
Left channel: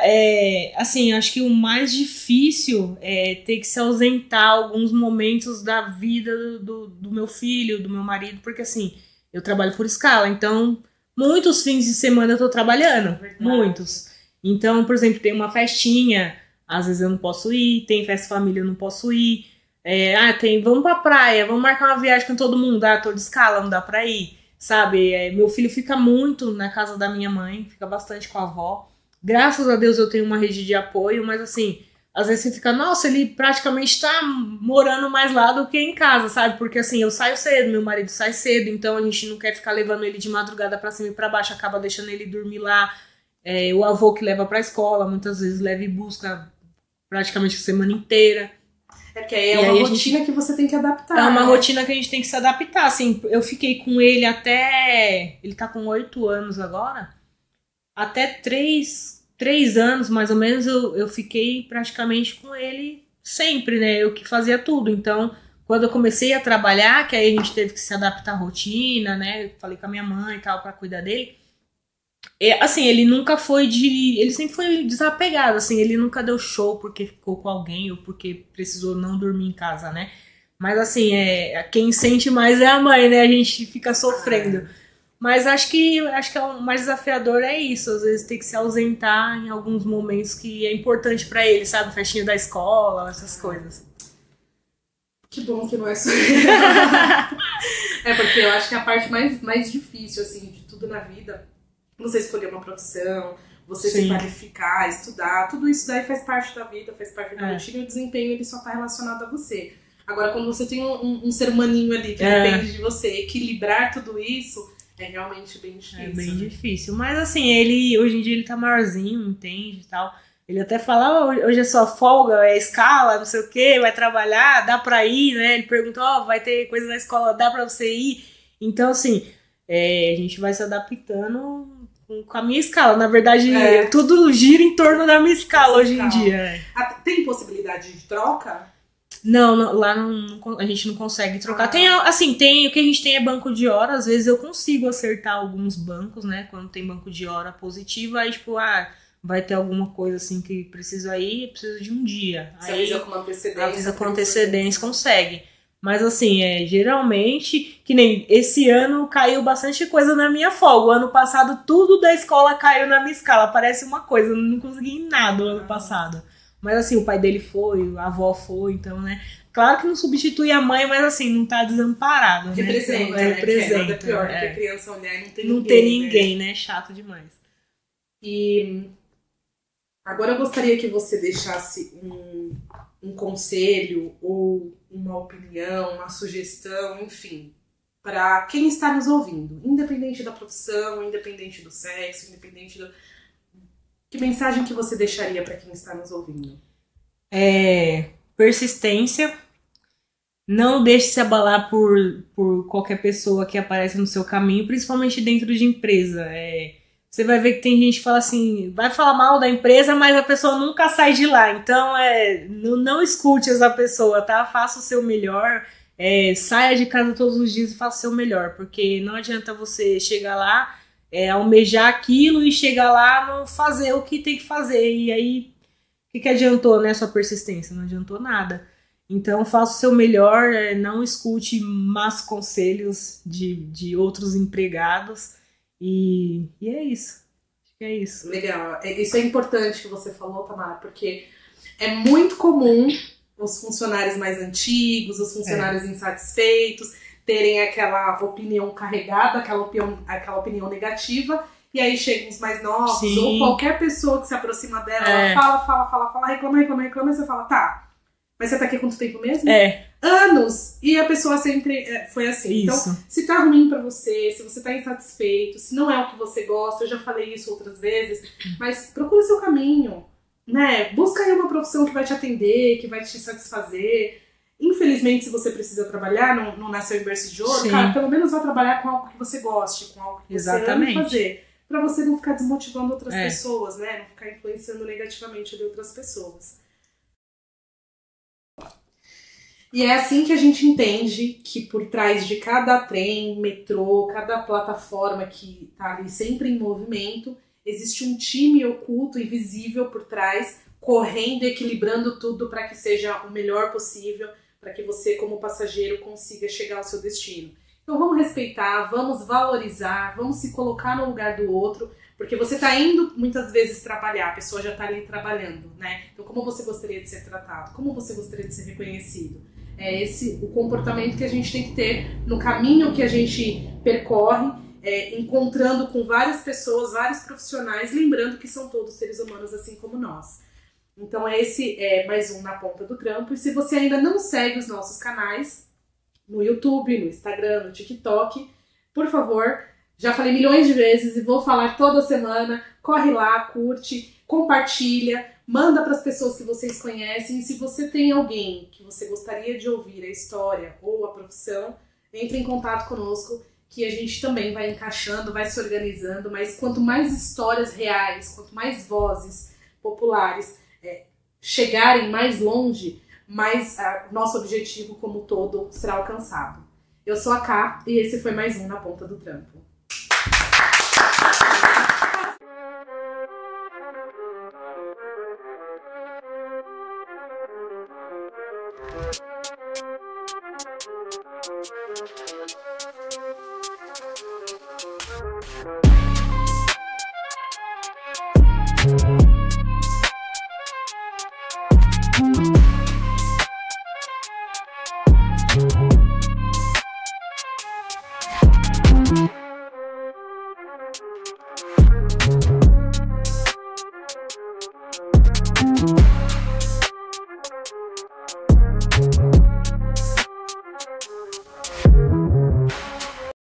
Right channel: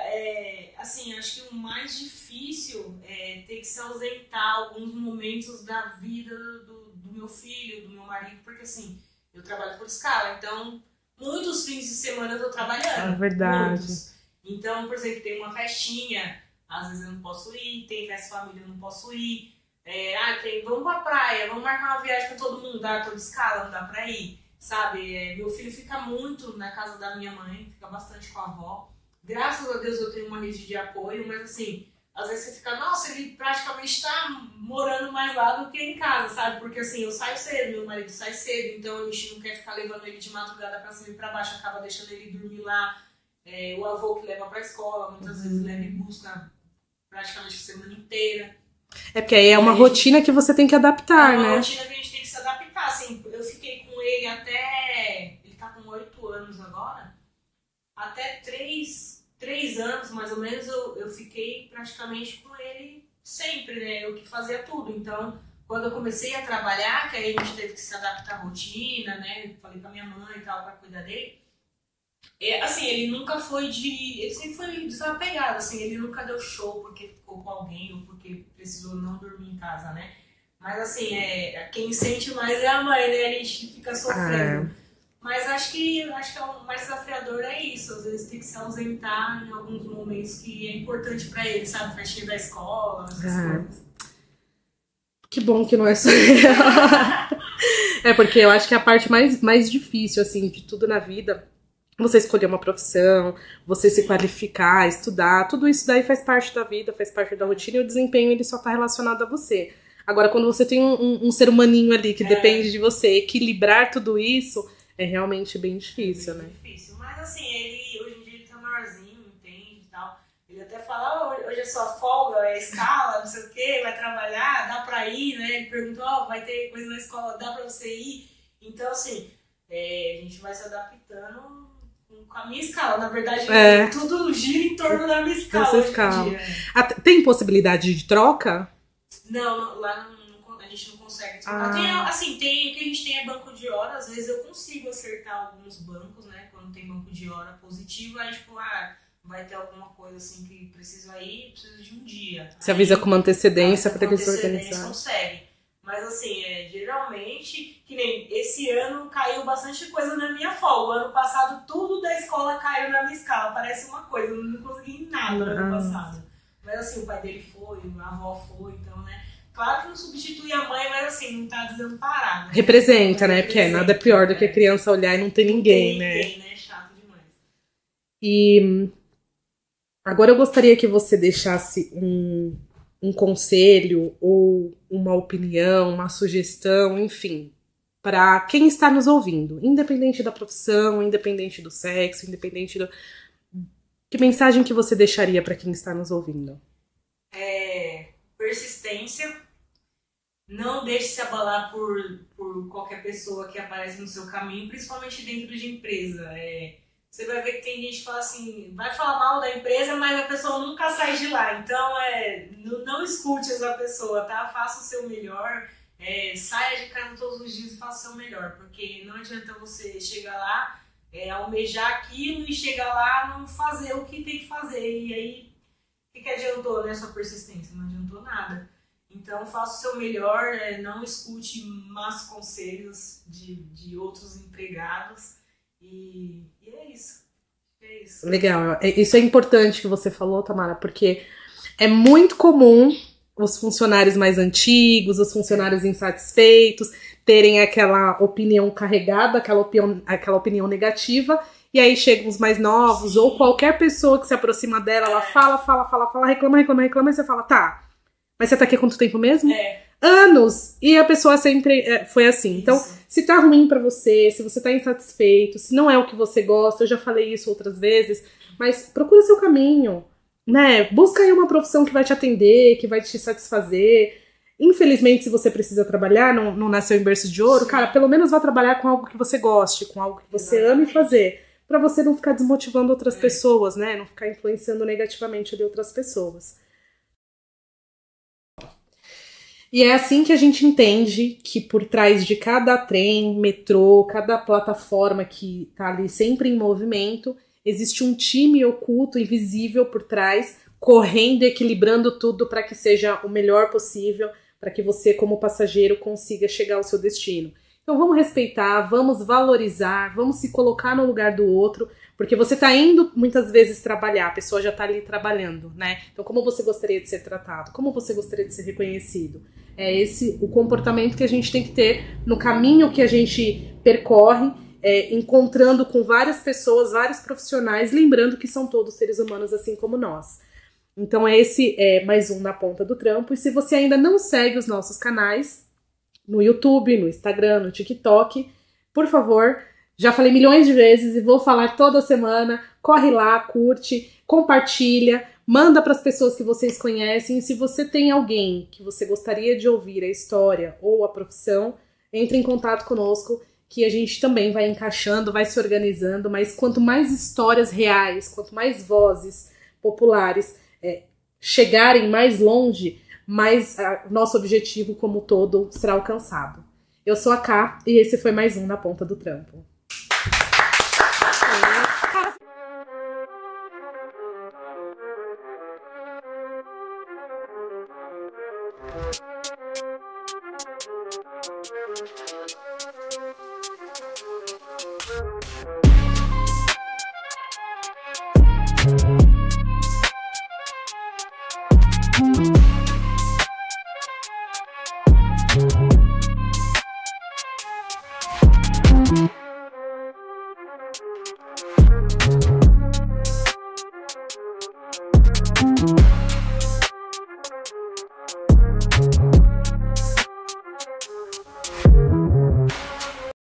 assim, acho que o mais difícil é ter que se ausentar alguns momentos da vida do meu filho, do meu marido, porque assim, eu trabalho por escala, então muitos fins de semana eu tô trabalhando. É verdade. Muitos. Então, por exemplo, tem uma festinha, às vezes eu não posso ir, tem festa família, eu não posso ir. Vamos pra praia, vamos marcar uma viagem com todo mundo, tô de escala, não dá pra ir, sabe? Meu filho fica muito na casa da minha mãe, fica bastante com a avó. Graças a Deus eu tenho uma rede de apoio, mas assim, às vezes você fica, nossa, ele praticamente tá morando mais lá do que em casa, sabe? Porque assim, eu saio cedo, meu marido sai cedo, então a gente não quer ficar levando ele de madrugada pra cima e pra baixo, acaba deixando ele dormir lá. O avô que leva pra escola, muitas vezes leva e busca praticamente a semana inteira. Porque aí é uma rotina que você tem que adaptar, uma né? rotina que a gente tem que se adaptar, assim, eu fiquei com ele até, ele tá com 8 anos agora, até 3 anos, mais ou menos, eu fiquei praticamente com ele sempre, né, eu que fazia tudo, então, quando eu comecei a trabalhar, que aí a gente teve que se adaptar à rotina, né, falei com a minha mãe e tal, pra cuidar dele, assim, ele sempre foi desapegado, assim, ele nunca deu show porque ficou com alguém ou porque precisou não dormir em casa, né? Mas assim, quem sente mais é a mãe, né? A gente fica sofrendo. Mas acho que o mais desafiador é isso, às vezes tem que se ausentar em alguns momentos que é importante pra ele, sabe? Festinha da escola, essas coisas. Que bom que não é só porque eu acho que é a parte mais difícil, assim, de tudo na vida. Você escolher uma profissão, você se qualificar, estudar, tudo isso daí faz parte da vida, faz parte da rotina, e o desempenho ele só tá relacionado a você. Agora, quando você tem um ser humaninho ali que depende de você, equilibrar tudo isso é realmente bem difícil. Difícil, mas assim, hoje em dia ele tá maiorzinho, entende e tal. Ele até fala, hoje é só folga, é escala, não sei o que, vai trabalhar, dá pra ir, né? Ele pergunta, vai ter coisa na escola, dá pra você ir? Então, assim, a gente vai se adaptando com a minha escala. Na verdade, tudo gira em torno da minha escala hoje em dia. Tem possibilidade de troca? Não, lá a gente não consegue trocar. Tem o que a gente tem é banco de hora. Às vezes eu consigo acertar alguns bancos, né? Quando tem banco de hora positivo, aí tipo, vai ter alguma coisa assim que preciso de um dia. Você avisa com uma antecedência. Com antecedência consegue. Mas assim, geralmente, que nem esse ano caiu bastante coisa na minha folga. O ano passado tudo da escola caiu na minha escala. Parece uma coisa, eu não consegui nada no ano passado. Mas assim, o pai dele foi, a avó foi, então, né? Claro que não substitui a mãe, mas assim, não tá desamparado. Né? Representa, então, né? Porque nada pior do que a criança olhar e não ter ninguém. Não tem ninguém, né? Chato demais. E agora eu gostaria que você deixasse um conselho ou uma opinião, uma sugestão, enfim, para quem está nos ouvindo, independente da profissão, independente do sexo, independente do... Que mensagem que você deixaria para quem está nos ouvindo? Persistência. Não deixe se abalar por qualquer pessoa que aparece no seu caminho, principalmente dentro de empresa. Você vai ver que tem gente que fala assim, vai falar mal da empresa, mas a pessoa nunca sai de lá. Então, não escute essa pessoa, tá? Faça o seu melhor, saia de casa todos os dias e faça o seu melhor. Porque não adianta você chegar lá, almejar aquilo e chegar lá não fazer o que tem que fazer. E aí, o que adiantou, né, sua persistência? Não adiantou nada. Então, faça o seu melhor, não escute más conselhos de outros empregados. E é isso. Acho que é isso. Legal. Isso é importante que você falou, Tamara, porque é muito comum os funcionários mais antigos, os funcionários insatisfeitos, terem aquela opinião carregada, aquela opinião negativa, e aí chegam os mais novos, Sim. ou qualquer pessoa que se aproxima dela, ela fala, reclama, e você fala, tá, mas você tá aqui há quanto tempo mesmo? Anos! E a pessoa sempre foi assim. Isso. Então, se tá ruim pra você, se você tá insatisfeito, se não é o que você gosta, eu já falei isso outras vezes, mas procura seu caminho, né? Busca aí uma profissão que vai te atender, que vai te satisfazer. Infelizmente, se você precisa trabalhar, não nasceu em berço de ouro, Sim. cara, pelo menos vá trabalhar com algo que você goste, com algo que você ame fazer, pra você não ficar desmotivando outras pessoas, né? Não ficar influenciando negativamente ali outras pessoas. E é assim que a gente entende que por trás de cada trem, metrô, cada plataforma que tá ali sempre em movimento, existe um time oculto, invisível por trás, correndo, equilibrando tudo para que seja o melhor possível, para que você, como passageiro, consiga chegar ao seu destino. Então vamos respeitar, vamos valorizar, vamos se colocar no lugar do outro, porque você tá indo muitas vezes trabalhar, a pessoa já tá ali trabalhando, né? Então como você gostaria de ser tratado? Como você gostaria de ser reconhecido? É esse o comportamento que a gente tem que ter no caminho que a gente percorre, encontrando com várias pessoas, vários profissionais, lembrando que são todos seres humanos assim como nós. Então esse é mais um Na Ponta do Trampo. E se você ainda não segue os nossos canais, no YouTube, no Instagram, no TikTok, por favor, já falei milhões de vezes e vou falar toda semana, corre lá, curte, compartilha, manda para as pessoas que vocês conhecem. E se você tem alguém que você gostaria de ouvir a história ou a profissão, entre em contato conosco, que a gente também vai encaixando, vai se organizando, mas quanto mais histórias reais, quanto mais vozes populares chegarem mais longe, mais nosso objetivo como todo será alcançado. Eu sou a Ká e esse foi mais um Na Ponta do Trampo.